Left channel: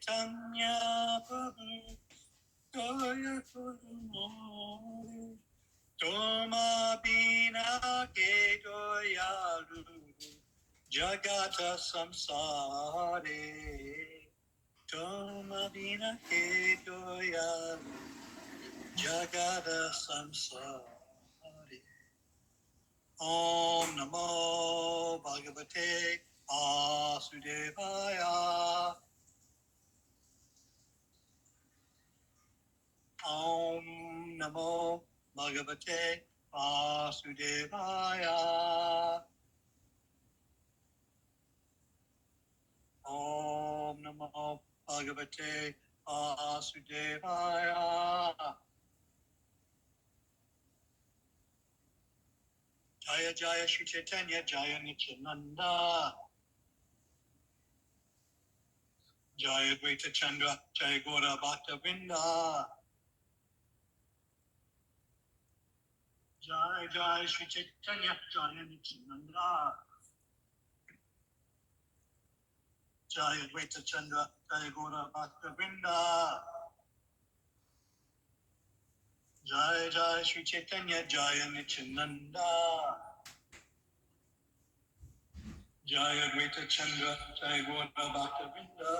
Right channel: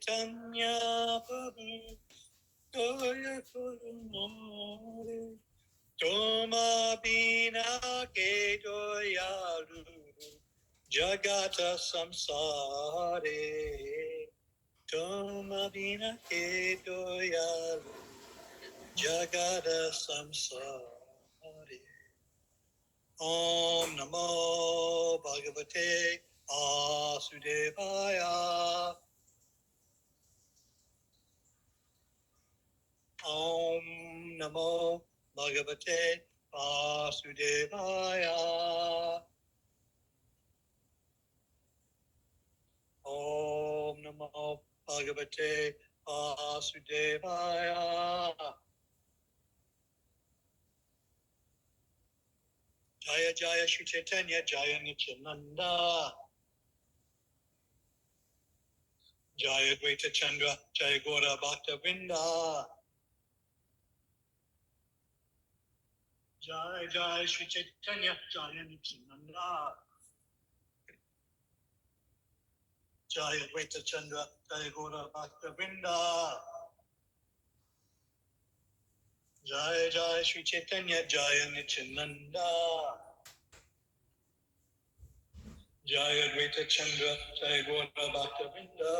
Chaitanya Prabhu Jaya Gurumare Toma Bina Ke Joyaru Jagata Samsare Toma Bina Ke Joyaru Jagata Samsare Om Namo Bhagavate Vasudevaya Om Namo Bhagavate Vasudevaya Om Namo Bhagavate Vasudevaya Jaya Jaya Shri Chaitanya Jaya Nityananda Jaya Greta Chandra Jaya Gora Bhakta Vrinda Jaya Jaya Shri Chaitanya Jaya Nityananda Jaya Greta Chandra Jaya Gora Bhakta Vrinda Jaya Jaya Shri Chaitanya Jaya Nityananda Jaya Greta Chandra Jaya Gora Bhakta Vrinda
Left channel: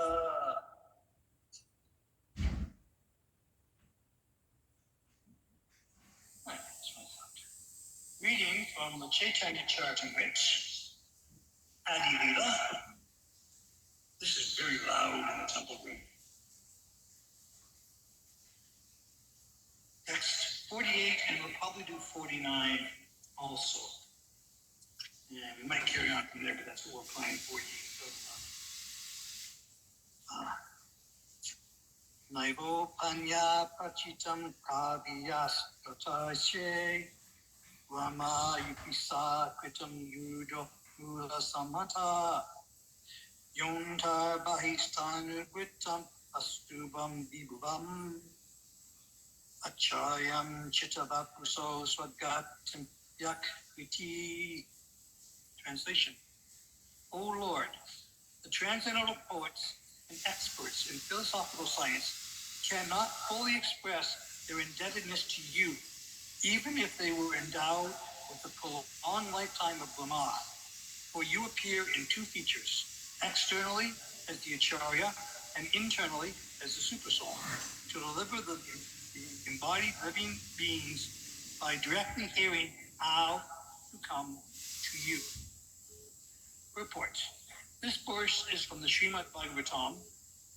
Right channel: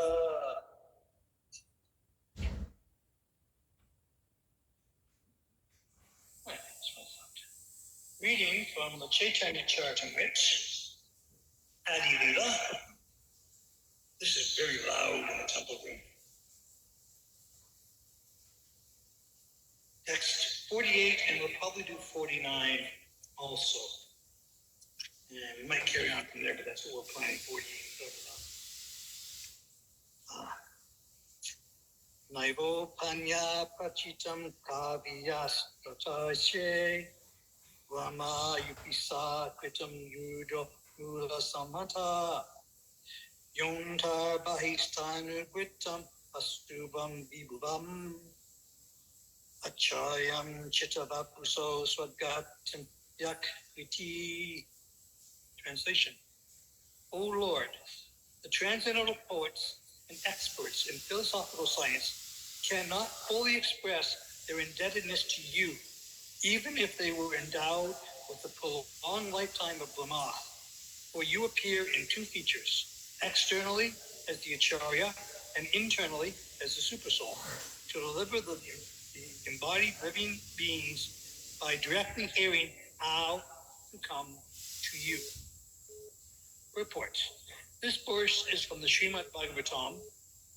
Reading from the Chaitanya Charitamrita, Adi Lila. This is very loud in the temple room. Text 48, and we'll probably do 49 also. Yeah, we might carry on from there, but that's what we're planning, 48. Naivo Panya Prachitam Kaviyas Pratashe Rama Yupisa Kritam Yujo Ula Samata Yontar Bahistanu Kritam Astubam Vibhuvam Acharayam Chittavapuso Swadgatam Yak Viti. Translation. O Lord, the transcendental poets and experts in philosophical science cannot fully express their indebtedness to you, even if they were endowed with the prolonged lifetime of Brahma. For you appear in two features, externally as the Acharya and internally as the Supersoul, to deliver the embodied living beings by directly hearing how to come to you. Report. This verse is from the Srimad Bhagavatam,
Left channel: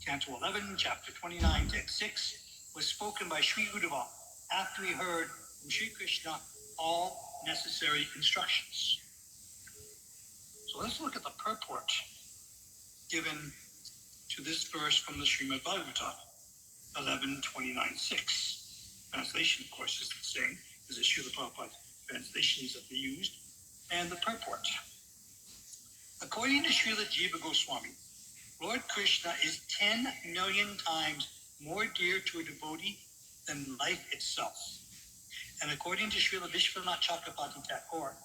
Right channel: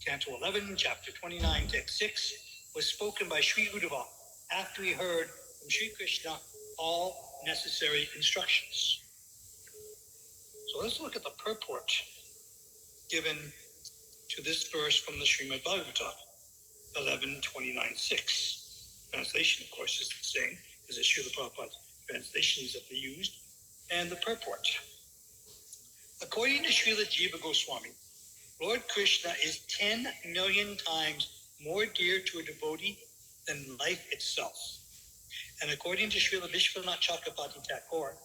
Canto 11, Chapter 29, Text 6, was spoken by Sri Uddhava after he heard from Sri Krishna all necessary instructions. So let's look at the purport given to this verse from the Srimad Bhagavatam, 11:29:6. Translation, of course, is the same as the Srila Prabhupada translations that they used, and the purport. According to Srila Jiva Goswami, Lord Krishna is 10 million times more dear to a devotee than life itself. And according to Srila Vishwanath Chakrabarti Thakur,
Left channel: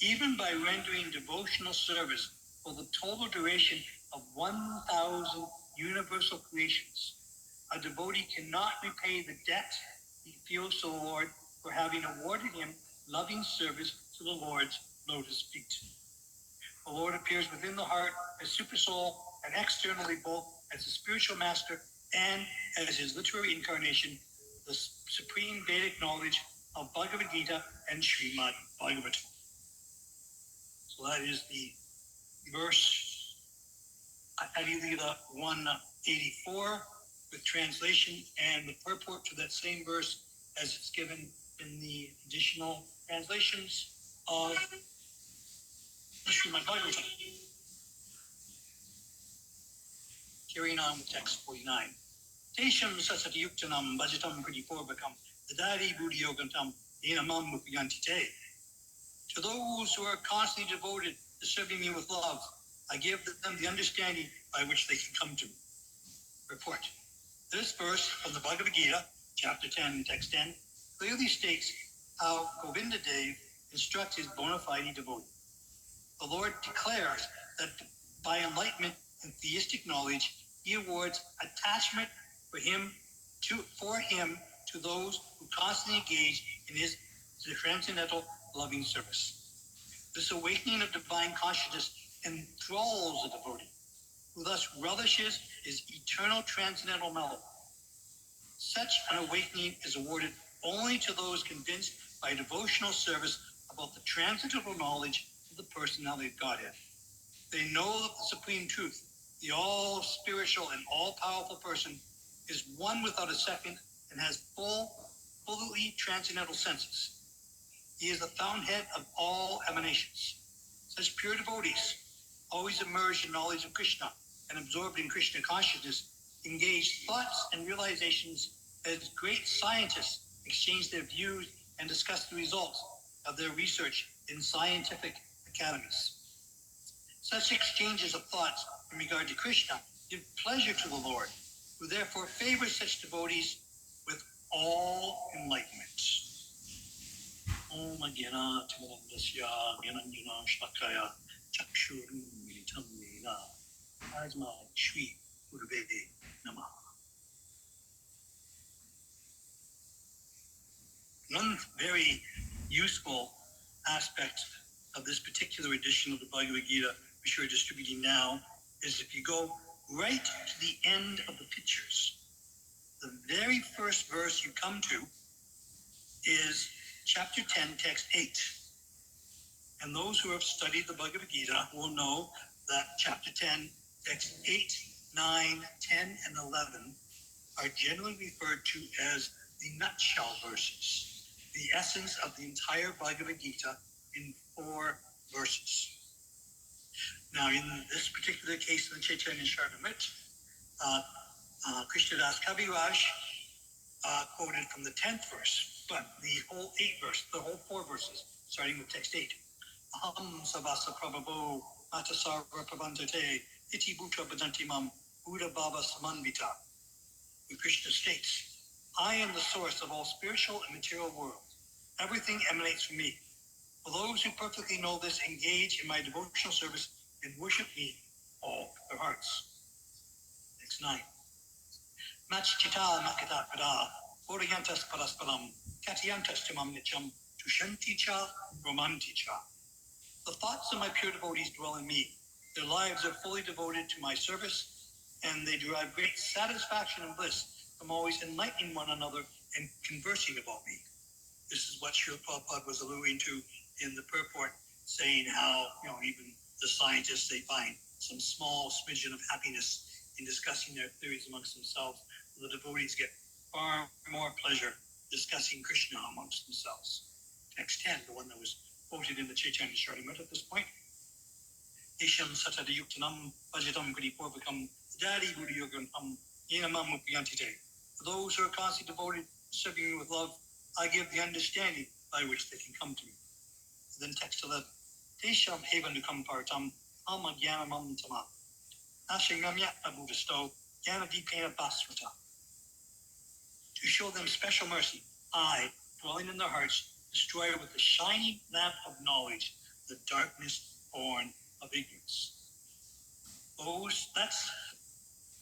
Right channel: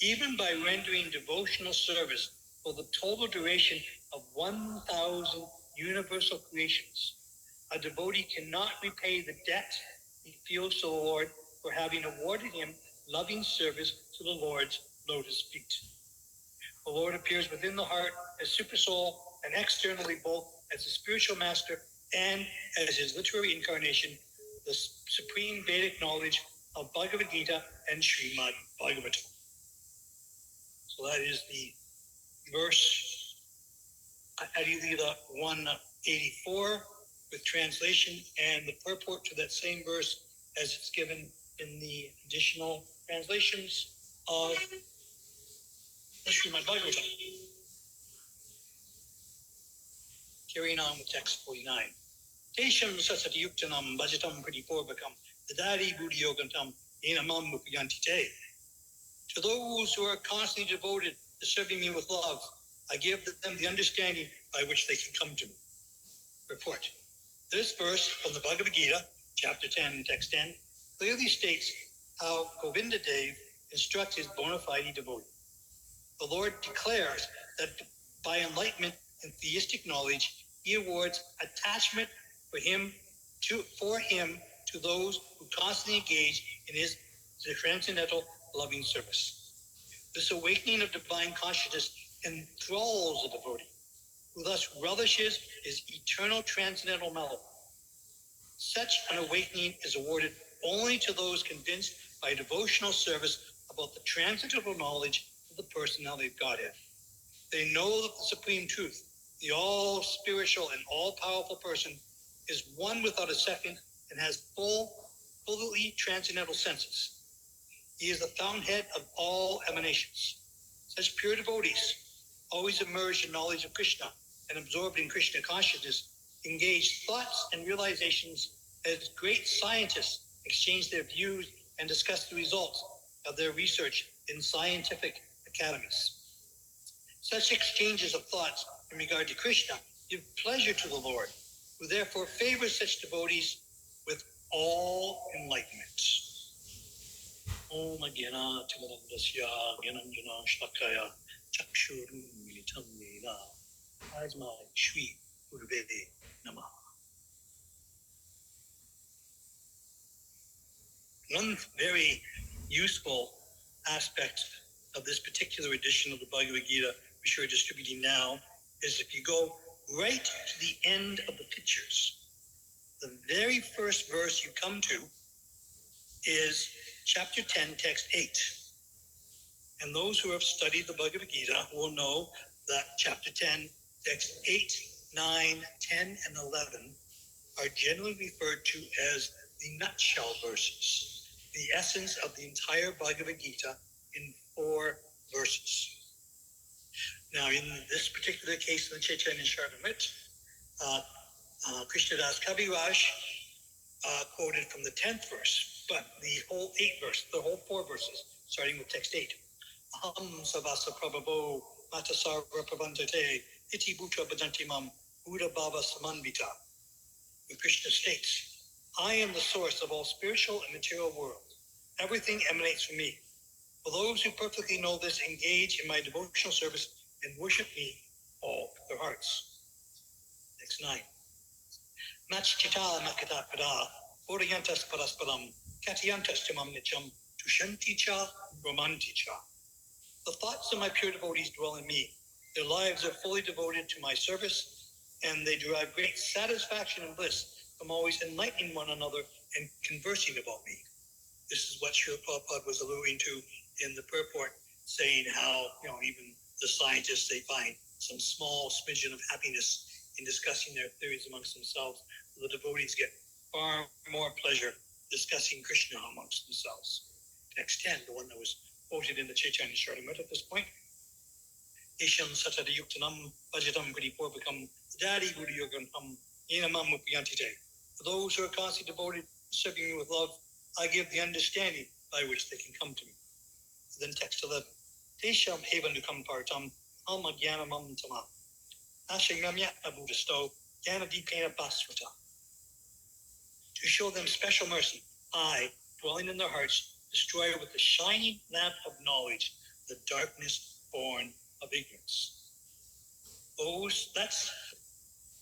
even by rendering devotional service for the total duration of 1,000 universal creations, a devotee cannot repay the debt he feels to the Lord for having awarded him loving service to the Lord's lotus feet. The Lord appears within the heart as Supersoul and externally both as the spiritual master and as his literary incarnation, the supreme Vedic knowledge of Bhagavad Gita and Srimad Bhagavatam. So that is the verse Adi Lila 184 with translation and the purport to that same verse as it's given in the additional translations of the Srimad Bhagavatam. Carrying on with text 49. Tesham sasati yuktanam bhajatam pradipurvakam dadari buddhiyogantam enamam mupyantite. To those who are constantly devoted to serving me with love, I give them the understanding by which they can come to me. Report. This verse from the Bhagavad Gita, chapter 10, text 10, clearly states how Govinda Dev instructs his bona fide devotee. The Lord declares that by enlightenment and theistic knowledge, he awards attachment for him to those who constantly engage in his transcendental loving service. This awakening of divine consciousness enthralls the devotee, who thus relishes his eternal transcendental melody. Such an awakening is awarded only to those convinced by devotional service about the transcendental knowledge of the personality of Godhead. They know that the supreme truth, the all-spiritual and all-powerful person, is one without a second and has fully transcendental senses. He is the fountainhead of all emanations. Such pure devotees, always immersed in knowledge of Krishna and absorbed in Krishna consciousness, engage thoughts and realizations as great scientists exchange their views and discuss the results of their research in scientific academies. Such exchanges of thoughts in regard to Krishna give pleasure to the Lord, who therefore favors such devotees with all enlightenment. Om Gyana Timarandasya Gyananjana Shlakaya Chakshuru Militam Yena Asma Shri Guruve Namaha. One very useful aspect of this particular edition of the Bhagavad Gita, which we're distributing now, is if you go right to the end of the pictures, the very first verse you come to is chapter 10, text 8. And those who have studied the Bhagavad Gita will know that chapter 10, text 8, 9, 10, and 11 are generally referred to as the nutshell verses, the essence of the entire Bhagavad Gita in 4 verses. Now, in this particular case of the Chaitanya Charitamrita, Krishnadas Kaviraj quoted from the 10th verse, but the whole 4 verses, starting with text 8. Aham savasa prabhavo matasara prabhantate iti bhuta bhajanti mam buddha bhava samanvita. Where Krishna states, I am the source of all spiritual and material worlds. Everything emanates from me. For those who perfectly know this, engage in my devotional service and worship me all with their hearts. Text 9. Machchita makata pada oriyantas parasparam katyantas tamam nityam tushanti cha romanti cha. The thoughts of my pure devotees dwell in me. Their lives are fully devoted to my service, and they derive great satisfaction and bliss from always enlightening one another and conversing about me. This is what Srila Prabhupada was alluding to in the purport, saying how, even the scientists, they find some small smidgen of happiness in discussing their theories amongst themselves. The devotees get far more pleasure discussing Krishna amongst themselves. Text 10, the one that was quoted in the Chaitanya Charitamrita at this point. Isham satadayuktanam vajatam guripurvakam dadi buddhayoganam yenamam upyantite. For those who are constantly devoted to serving me with love, I give the understanding by which they can come to me. Then text 11. Tesham evanukam partam alma jnanamam tama. Ashangamya abudasto jnanadipena basvata. To show them special mercy, I, dwelling in their hearts, destroy with the shining lamp of knowledge the darkness born of ignorance. That's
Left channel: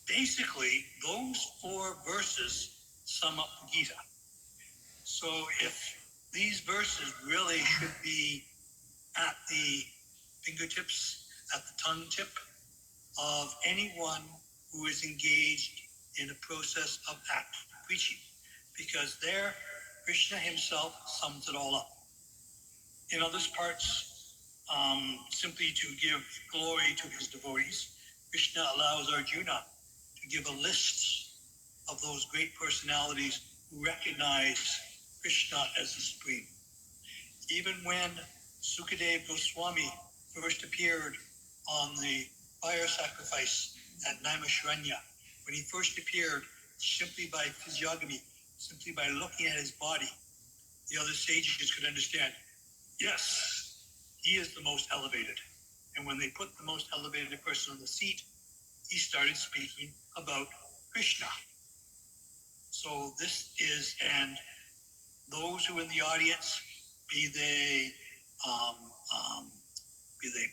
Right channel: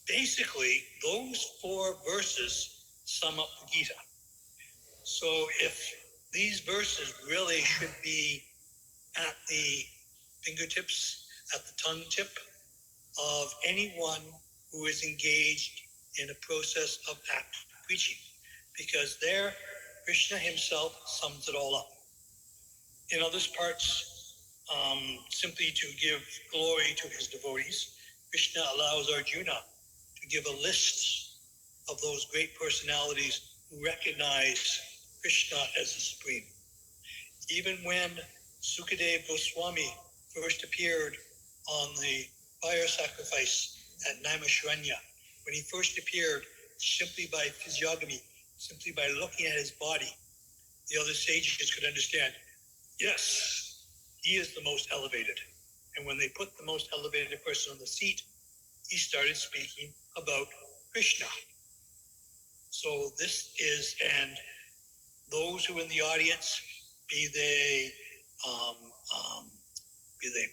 basically those 4 verses sum up the Gita. So if these verses really should be at the fingertips, at the tongue tip of anyone who is engaged in a process of active preaching, because there Krishna himself sums it all up. In other parts, simply to give glory to his devotees, Krishna allows Arjuna to give a list of those great personalities who recognize Krishna as the Supreme. Even when Sukadeva Goswami first appeared on the fire sacrifice at Naimisharanya, when he first appeared simply by physiognomy, simply by looking at his body, the other sages could understand, yes, he is the most elevated. And when they put the most elevated person on the seat, he started speaking about Krishna. So this is, and those who are in the audience, be they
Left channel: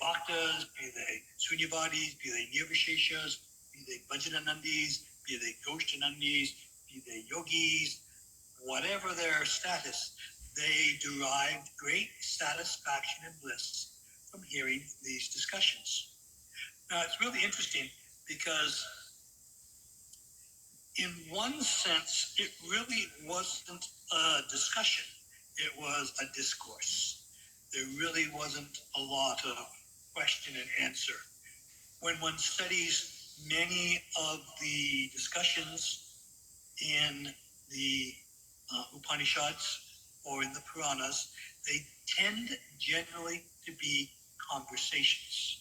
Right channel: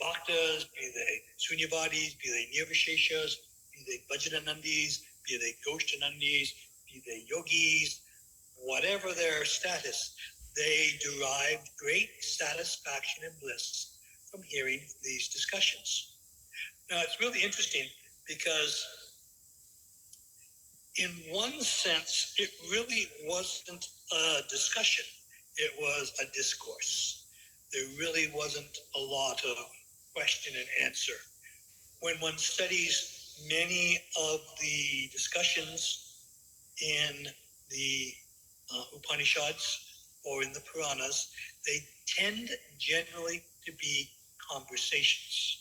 bhaktas, be they sunyavadis, be they nirvisheshas, be they Vajananandis, be they Ghostanandis, be they yogis, whatever their status, they derived great satisfaction and bliss from hearing these discussions. Now, it's really interesting because in one sense, it really wasn't a discussion. It was a discourse. There really wasn't a lot of question and answer. When one studies many of the discussions in the Upanishads or in the Puranas, they tend generally to be conversations.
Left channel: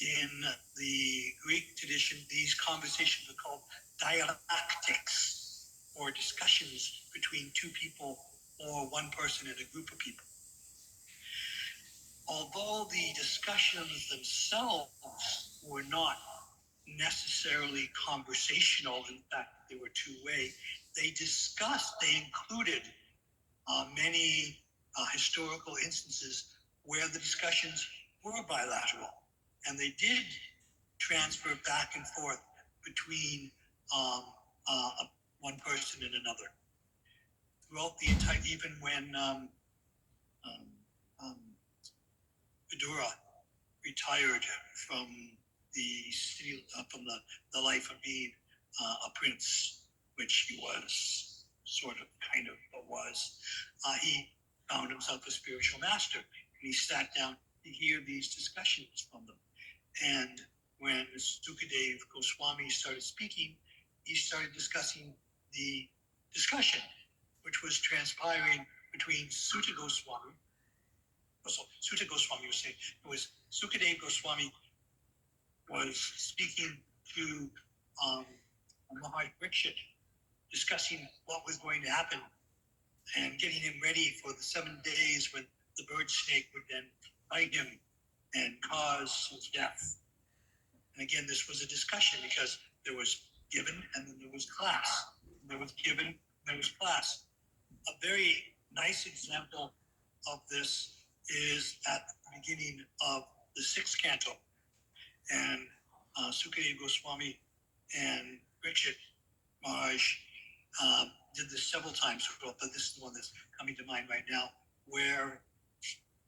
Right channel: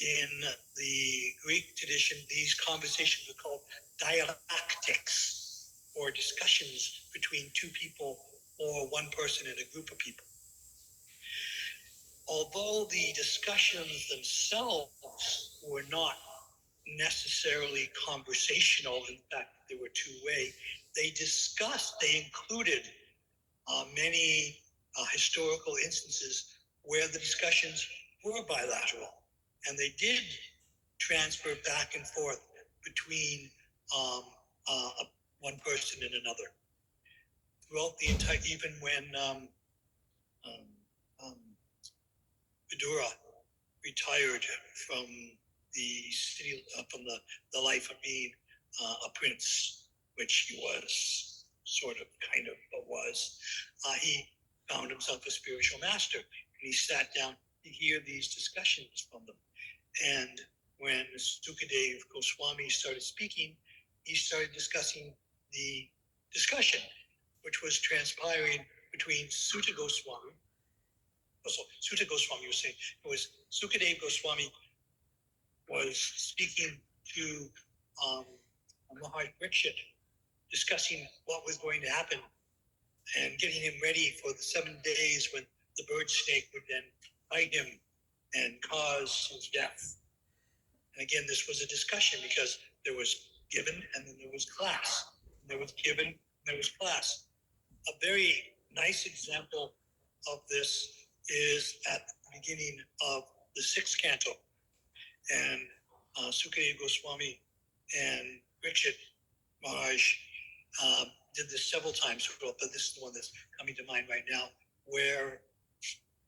In the Greek tradition, these conversations are called dialectics, or discussions between two people or one person in a group of people. Although the discussions themselves were not necessarily conversational, in fact, they were two-way, they included many historical instances where the discussions were bilateral, and they did transfer back and forth between one person and another. Throughout the entire, even when Vidura retired from the city, from the life of being a prince, which he was sort of, kind of, but was, he found himself a spiritual master, and he sat down to hear these discussions from them. And when Sukadev Goswami started speaking, he started discussing the discussion, which was transpiring between Sutta Goswami. So Sutta Goswami was saying, it was Sukadev Goswami was speaking to Maharaj Parikshit, discussing what was going to happen and getting him ready for the 7 days when the bird snake would then bite him and cause his death. And again, this was a discussion because there was given and then there was class. There was given and there was class. A very nice example of this is at the beginning of the 6th canto. And Sukadev Goswami and Parikshit Maharaj did this several times, but this is the one that's coming to mind right now, where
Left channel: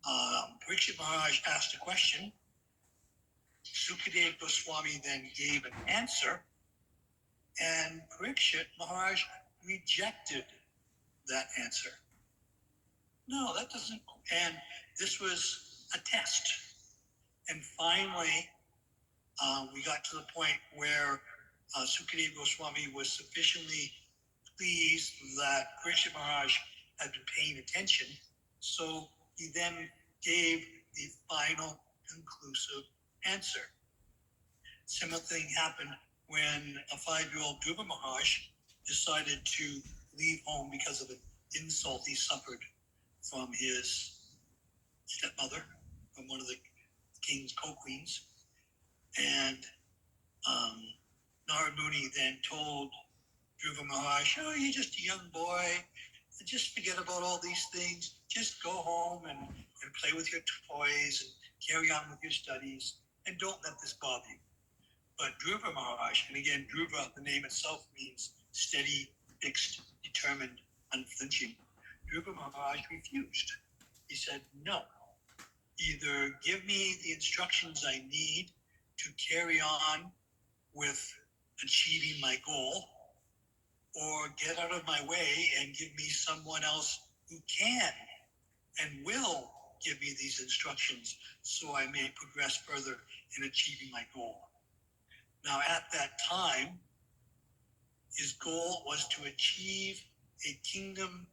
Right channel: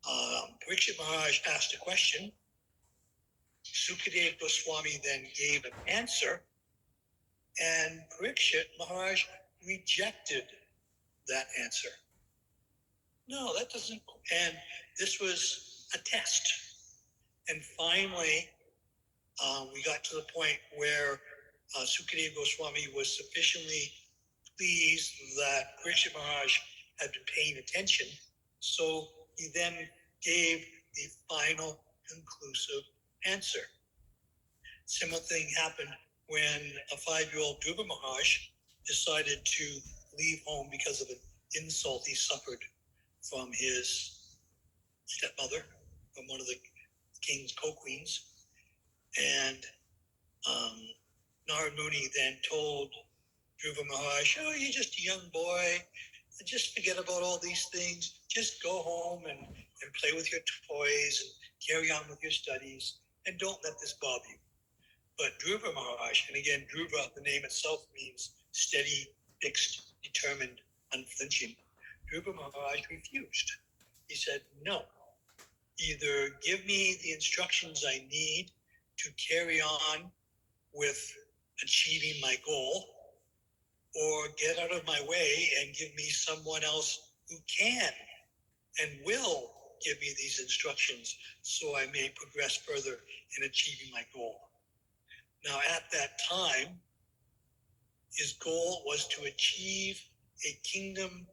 Parikshit Maharaj asked a question. Sukadev Goswami then gave an answer, and Parikshit Maharaj rejected that answer. No, that doesn't. And this was a test. And finally, we got to the point where Sukadev Goswami was sufficiently pleased that Parikshit Maharaj had been paying attention. So he then gave the final conclusive answer. Similar thing happened when a 5-year-old Dhruva Maharaj decided to leave home because of an insult he suffered from his stepmother, from one of the king's co-queens. And Narad Muni then told Dhruva Maharaj, oh, you're just a young boy. Just forget about all these things. Just go home and play with your toys and carry on with your studies, and don't let this bother you. But Dhruva Maharaj, and again, Dhruva, the name itself means steady, fixed, determined, unflinching. Dhruva Maharaj refused. He said, no, either give me the instructions I need to carry on with achieving my goal, or get out of my way and give me someone else who can and will give me these instructions so I may progress further in achieving my goal. Now, at that time, his goal was to achieve a kingdom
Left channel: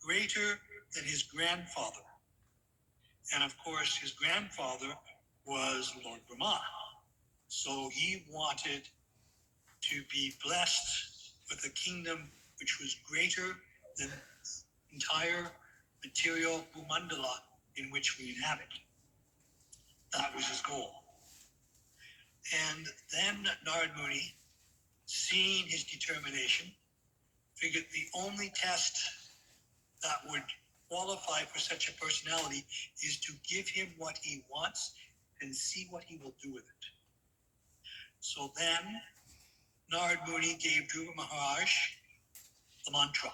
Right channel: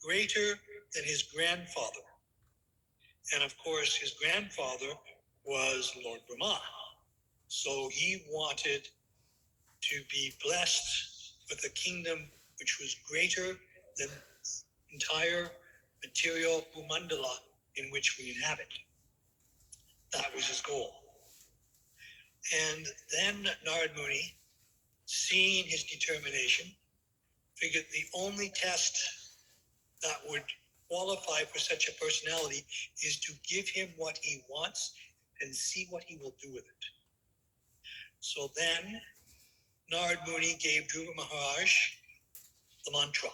greater than his grandfather. And of course, his grandfather was Lord Brahma. So he wanted to be blessed with a kingdom which was greater than the entire material Bhumandala in which we inhabit. That was his goal. And then Narad Muni, seeing his determination, figured the only test that would qualify for such a personality is to give him what he wants and see what he will do with it. So then Narad Muni gave Dhruva Maharaj the mantra.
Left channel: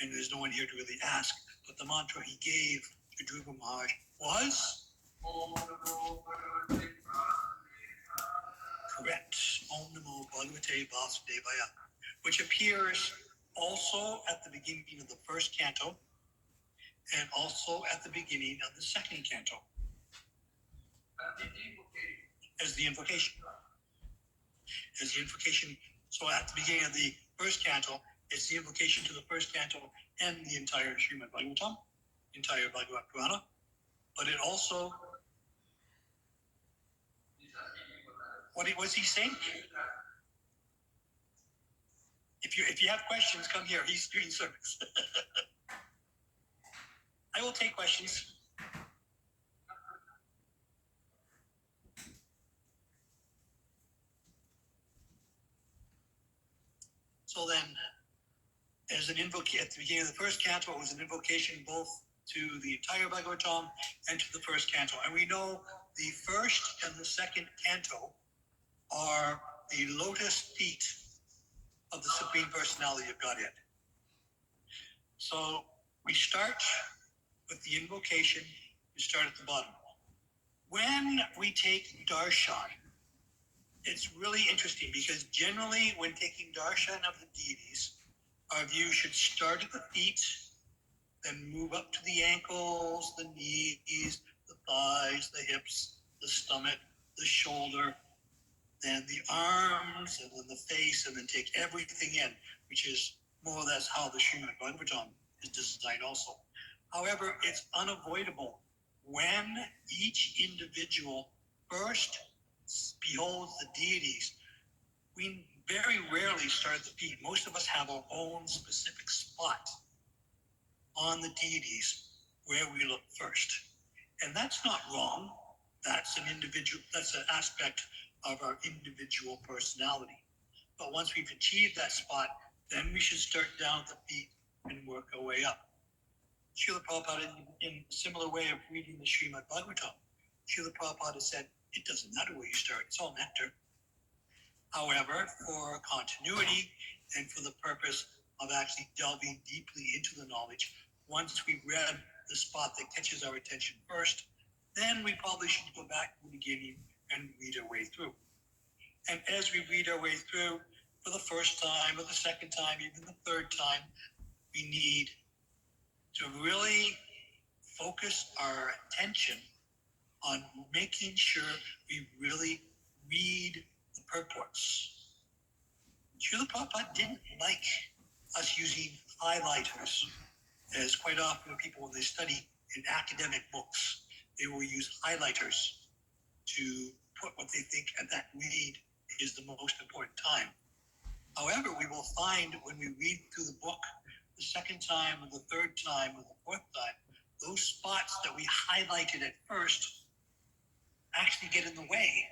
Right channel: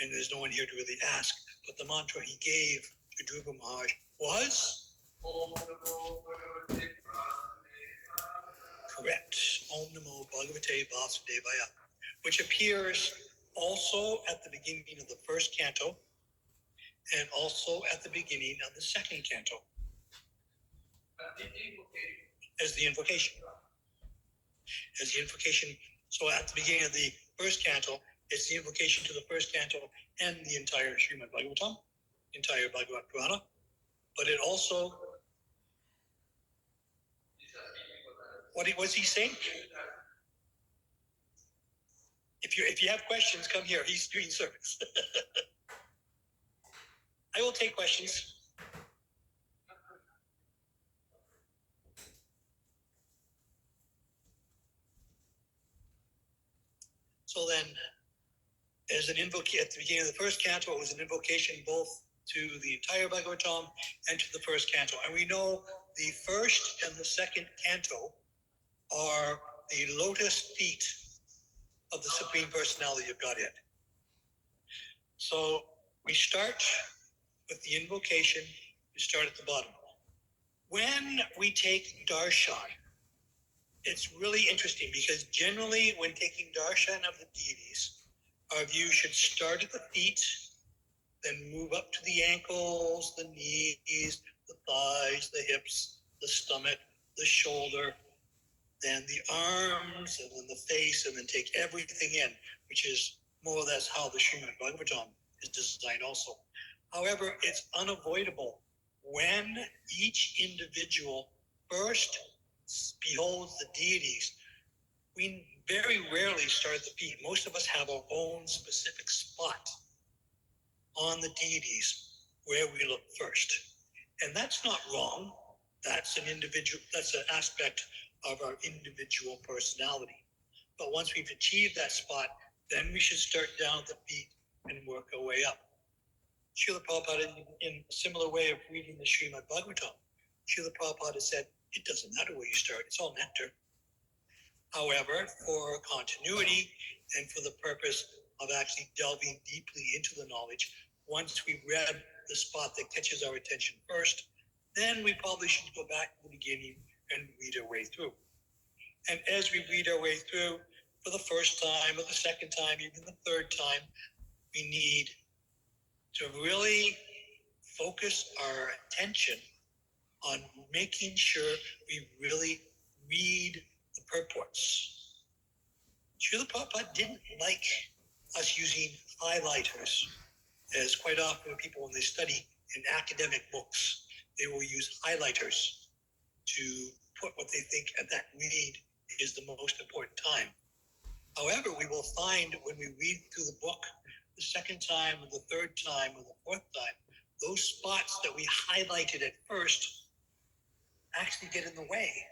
And there's no one here to really ask, but the mantra he gave to Dhruva Maharaj was? Correct. Om Namo Bhagavate Vasudevaya, which appears also at the beginning of the first canto and also at the beginning of the second canto as the invocation. As the invocation. So at the beginning of the first canto, it's the invocation to the first canto and the entire Srimad Bhagavatam, entire Bhagavad Purana. But it also, what's he saying? If you have questions, come here. He's doing service. I will take questions. So then, as an invocation at the beginning of the first canto, it was an invocation both to the entire Bhagavatam and to the first canto. And we know the first and the second canto are the lotus feet of the Supreme Personality of Godhead. So we start with the invocation. We start at the bottom. When we take darshan, it's really interesting because generally when taking darshan of the deities, our view should start at the feet, then move up to the ankles, the knees, the thighs, the hips, the stomach, the shoulder, then the arms, and then the face, and then take everything in, which is more or less how the Srimad Bhagavatam is designed also. However, it's unavoidable when each individual first beholds the deities. We very rarely start at the feet. Most of us have our own specific spot on the deities where we look first. And that's not wrong. That's an aspect of our individual personality. But once we've achieved that spot, then we should start down at the feet and work our way up. Srila Prabhupada, in a similar way of reading the Srimad Bhagavatam, Srila Prabhupada said, it doesn't matter where you start, it's all nectar. However, for continuity and for the purpose of actually delving deeply into the knowledge, once we've read the spot that catches our attention first, then we probably should go back to the beginning and read our way through. And as we read our way through, for the first time, or the second time, even the third time, we need to really focus our attention on making sure we really read the purports. Srila Prabhupada didn't like us using highlighters, as quite often people, when they study in academic books, they will use highlighters to put what they think at that read is the most important time. However, we will find when we read through the book the second time or the third time or the fourth time, those spots that we highlighted at first actually get in the way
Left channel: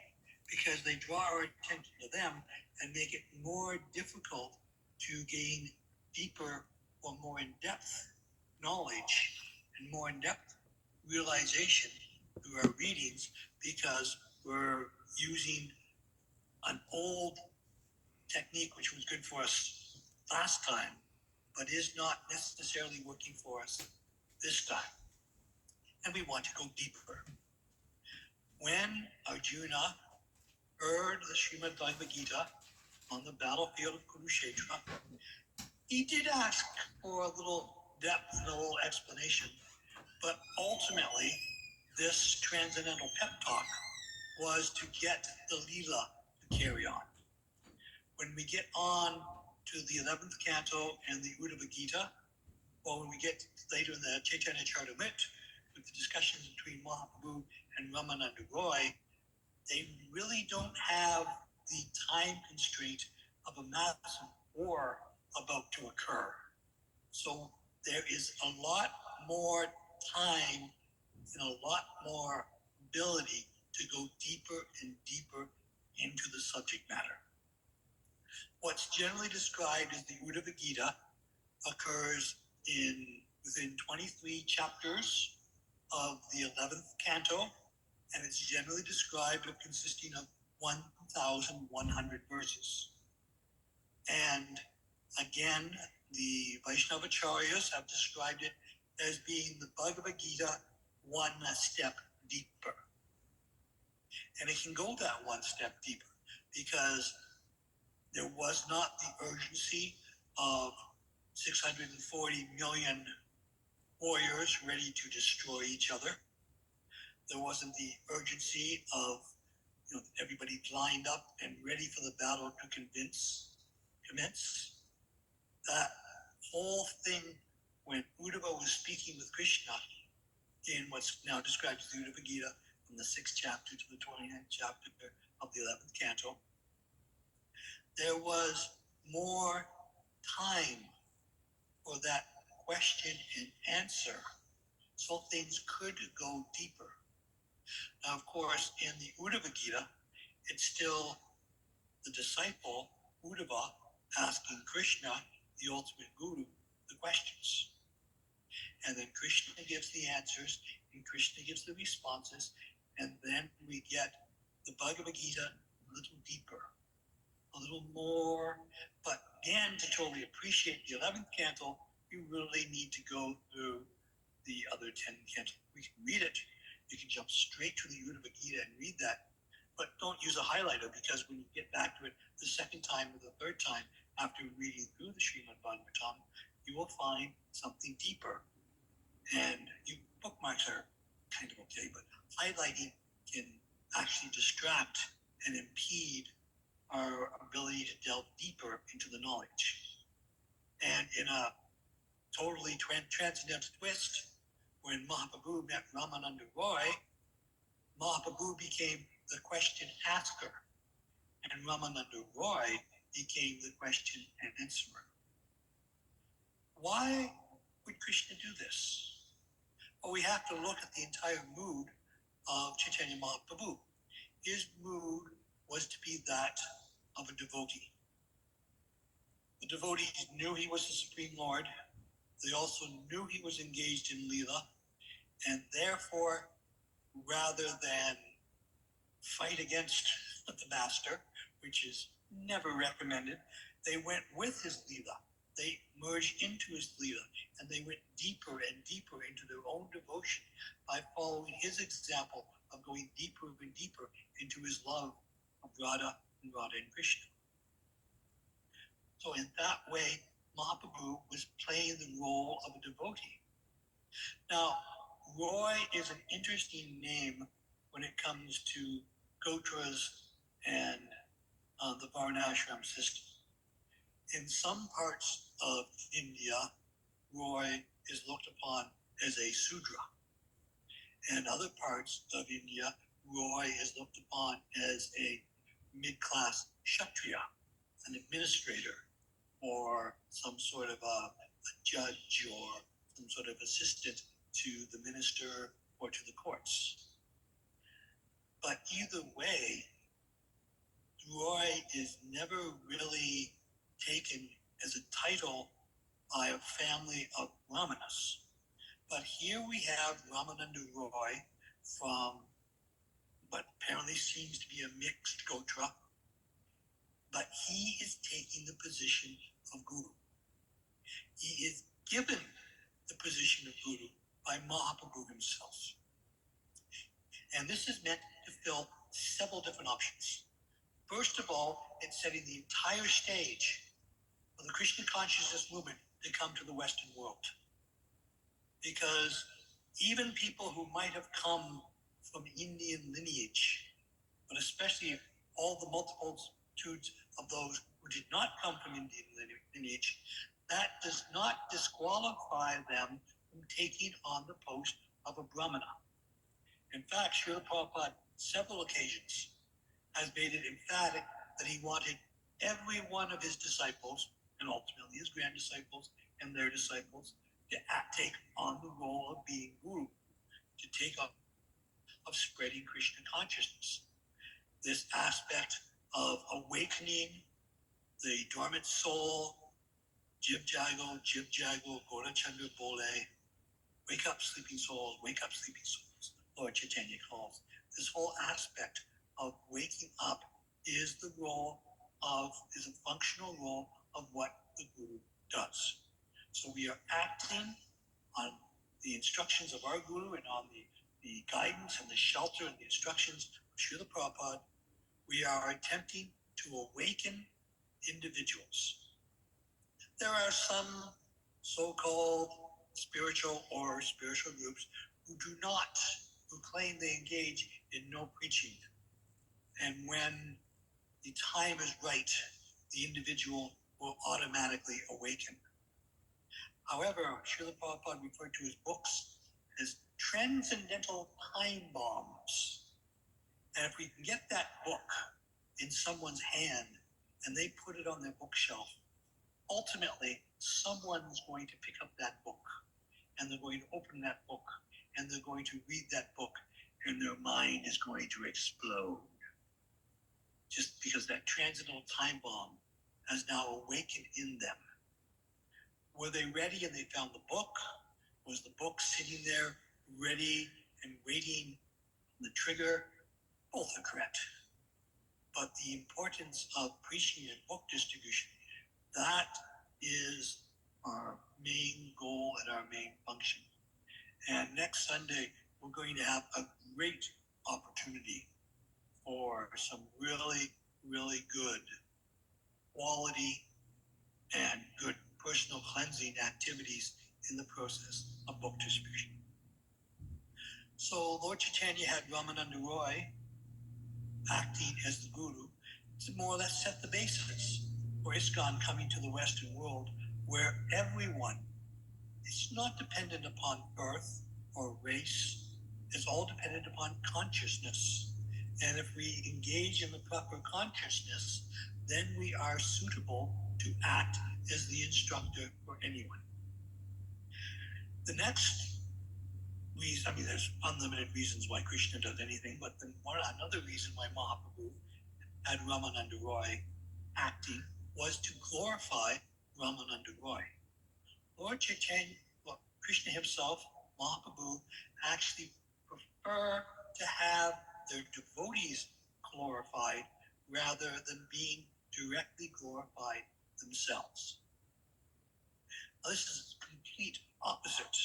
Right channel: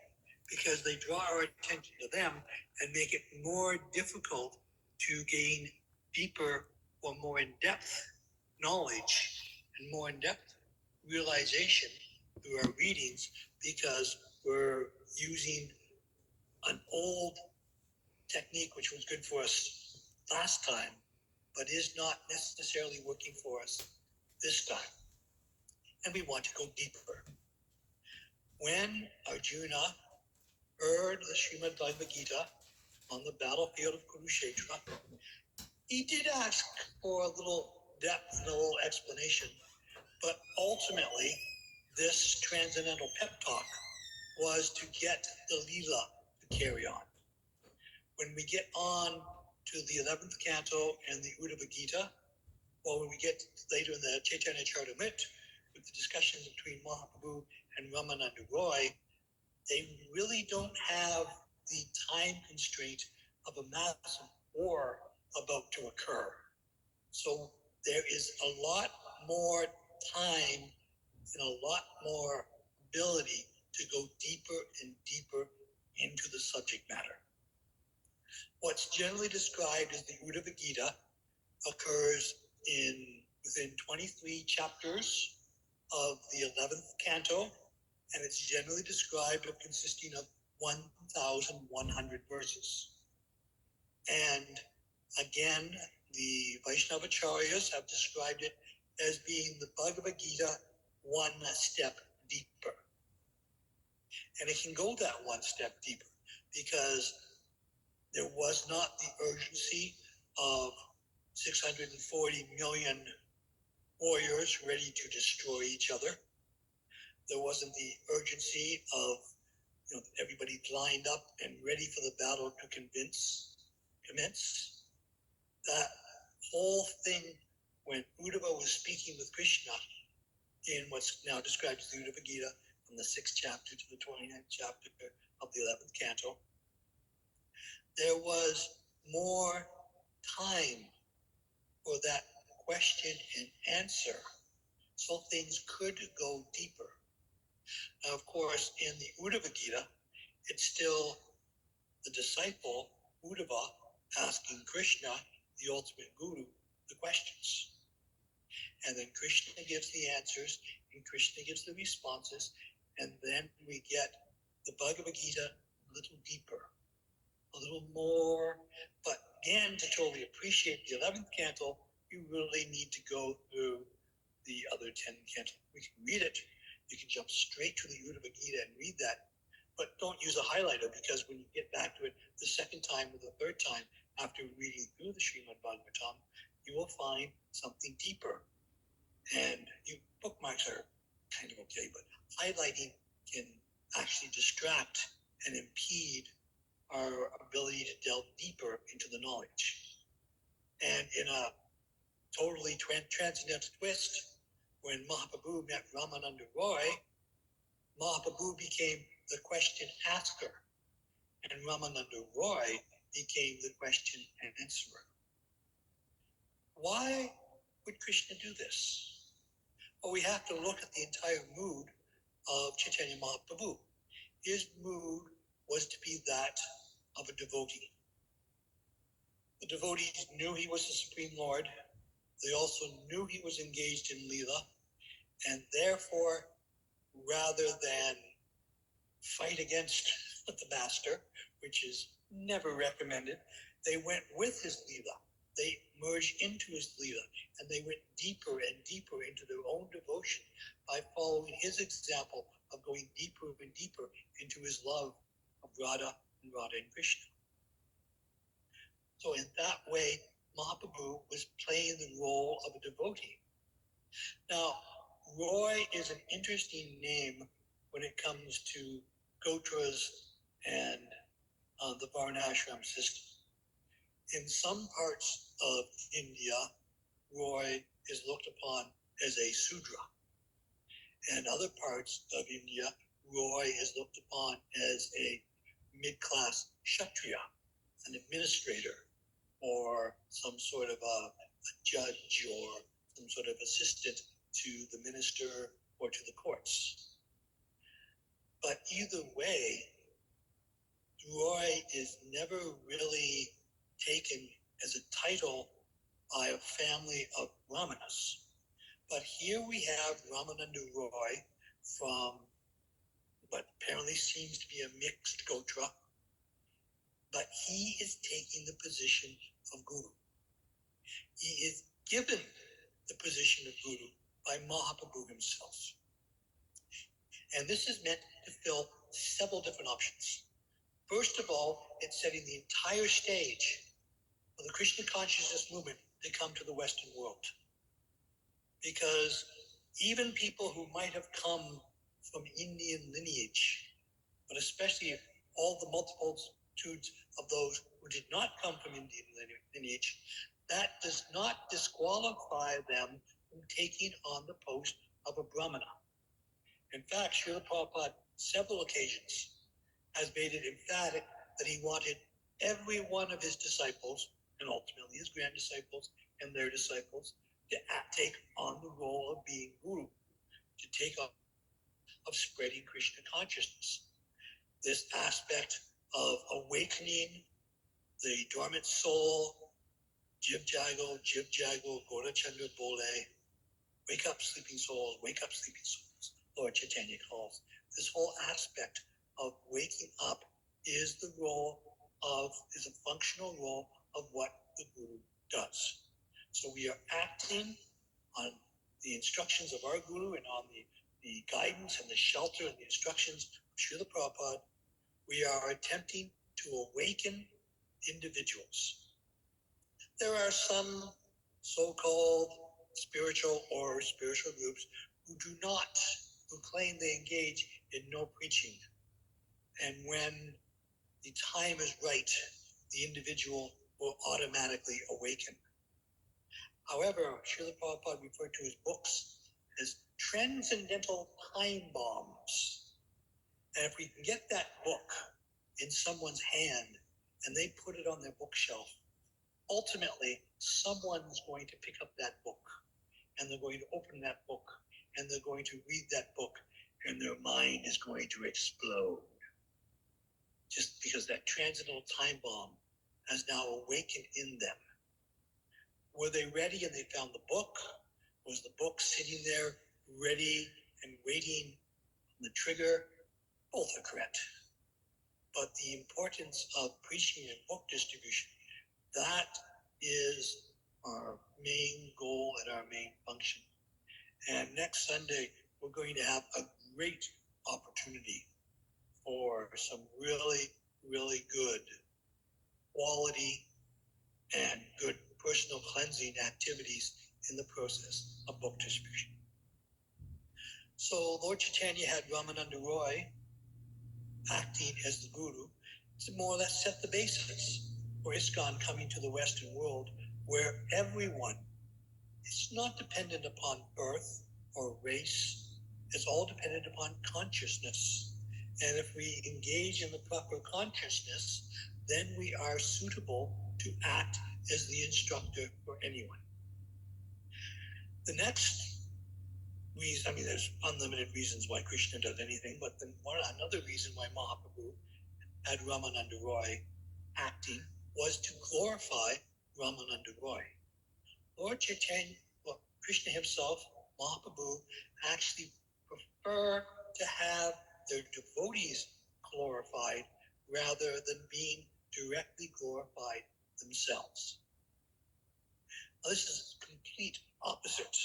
because they draw our attention to them and make it more difficult to gain deeper or more in-depth knowledge and more in-depth realization through our readings because we're using an old technique which was good for us last time, but is not necessarily working for us this time. And we want to go deeper. When Arjuna heard the Srimad Bhagavad Gita on the battlefield of Kurukshetra, he did ask for a little depth and a little explanation, but ultimately this transcendental pep talk was to get the Leela to carry on. When we get on to the 11th canto and the Uddhava Gita, or when we get later in the Chaitanya Charitamrita, with the discussions between Mahaprabhu and Ramananda Roy, they really don't have the time constraint of a massive war about to occur. So there is a lot more time and a lot more ability to go deeper and deeper into the subject matter. What's generally described as the Uddhava Gita occurs within 23 chapters of the 11th canto, and it's generally described as consisting of 1,100 verses. And again, the Vaishnavacharyas have described it as being the Bhagavad Gita one step deeper. And it can go that one step deeper because there was not the urgency of 640 million warriors ready to destroy each other. There wasn't the urgency of everybody lined up and ready for the battle to commence. That whole thing when Uddhava was speaking with Krishna in what's now described as the Uddhava Gita, from the 6th chapter to the 29th chapter of the 11th canto, there was more time for that question and answer, so things could go deeper. Now, of course, in the Uddhava Gita, it's still the disciple, Uddhava, asking Krishna, the ultimate guru, the questions. And then Krishna gives the answers, and Krishna gives the responses, and then we get the Bhagavad Gita a little deeper, a little more. But again, to totally appreciate the 11th canto, you really need to go through the other 10 cantos. We can read it. You can jump straight to the Uddhava Gita and read that. But don't use a highlighter, because when you get back to it the second time or the third time after reading through the Srimad Bhagavatam, you will find something deeper. And bookmarks are kind of okay, but highlighting can actually distract and impede our ability to delve deeper into the knowledge. And in a totally transcendental twist, when Mahaprabhu met Ramananda Roy, Mahaprabhu became the question asker, and Ramananda Roy became the question answerer. Why would Krishna do this? Well, we have to look at the entire mood of Chaitanya Mahaprabhu. His mood was to be that of a devotee. The devotees knew he was the Supreme Lord. They also knew he was engaged in Leela, and therefore, rather than fight against the master, which is never recommended, they went with his Leela. They merged into his Leela, and they went deeper and deeper into their own devotion by following his example of going deeper and deeper into his love of Radha and Krishna. So in that way, Mahaprabhu was playing the role of a devotee. Now, Roy is an interesting name when it comes to Gotras and the Varnashram system. In some parts of India, Roy is looked upon as a Sudra. And other parts of India, Roy is looked upon as a mid-class Kshatriya, an administrator, or some sort of a judge, or some sort of assistant to the minister or to the courts. But either way, Roy is never really taken as a title by a family of Brahmanas. But here we have Ramananda Roy from what apparently seems to be a mixed Gotra, but he is taking the position of Guru. He is given the position of Guru by Mahaprabhu himself. And this is meant to fill several different options. First of all, it's setting the entire stage for the Krishna consciousness movement to come to the Western world. Because even people who might have come from Indian lineage, but especially all the multitudes of those who did not come from Indian lineage, that does not disqualify them from taking on the post of a Brahmana. In fact, Srila Prabhupada, several occasions, has made it emphatic that he wanted every one of his disciples, and ultimately his grand disciples and their disciples, to take on the role of being Guru, to take up of spreading Krishna consciousness. This aspect of awakening the dormant soul, Jiv Jago, Gora Chandra Bole, wake up sleeping souls, Lord Chaitanya calls. This whole aspect of waking up is a functional role of what the Guru does. So we are acting on the instructions of our Guru and on the guidance and the shelter and the instructions of Srila Prabhupada. We are attempting to awaken individuals. There are some so-called spiritual groups who claim they engage in no preaching. And when the time is right, the individual will automatically awaken. However, Srila Prabhupada referred to his books as transcendental time bombs. And if we can get that book in someone's hand and they put it on their bookshelf, ultimately someone's going to pick up that book and they're going to open that book and they're going to read that book and their mind is going to explode. Just because that transcendental time bomb has now awakened in them. Were they ready and they found the book? Was the book sitting there ready and waiting on the trigger? Both are correct. But the importance of preaching and book distribution, that is our main goal and our main function. And next Sunday, we're going to have a great opportunity for some really, really good quality and good personal cleansing activities in the process of book distribution. So Lord Chaitanya had Ramananda Roy acting as the Guru to more or less set the basis for ISKCON coming to the Western world, where everyone is not dependent upon birth or race. It's all dependent upon consciousness. And if we engage in the proper consciousness, then we are suitable to act as the instructor for anyone. The next reason, there's unlimited reasons why Krishna does anything, but another reason why Mahaprabhu had Ramananda Roy acting was to glorify Ramananda Roy. Lord Chaitanya, Krishna himself, Mahaprabhu, actually prefer to have their devotees glorified rather than being directly glorified themselves. Now, this is a complete opposite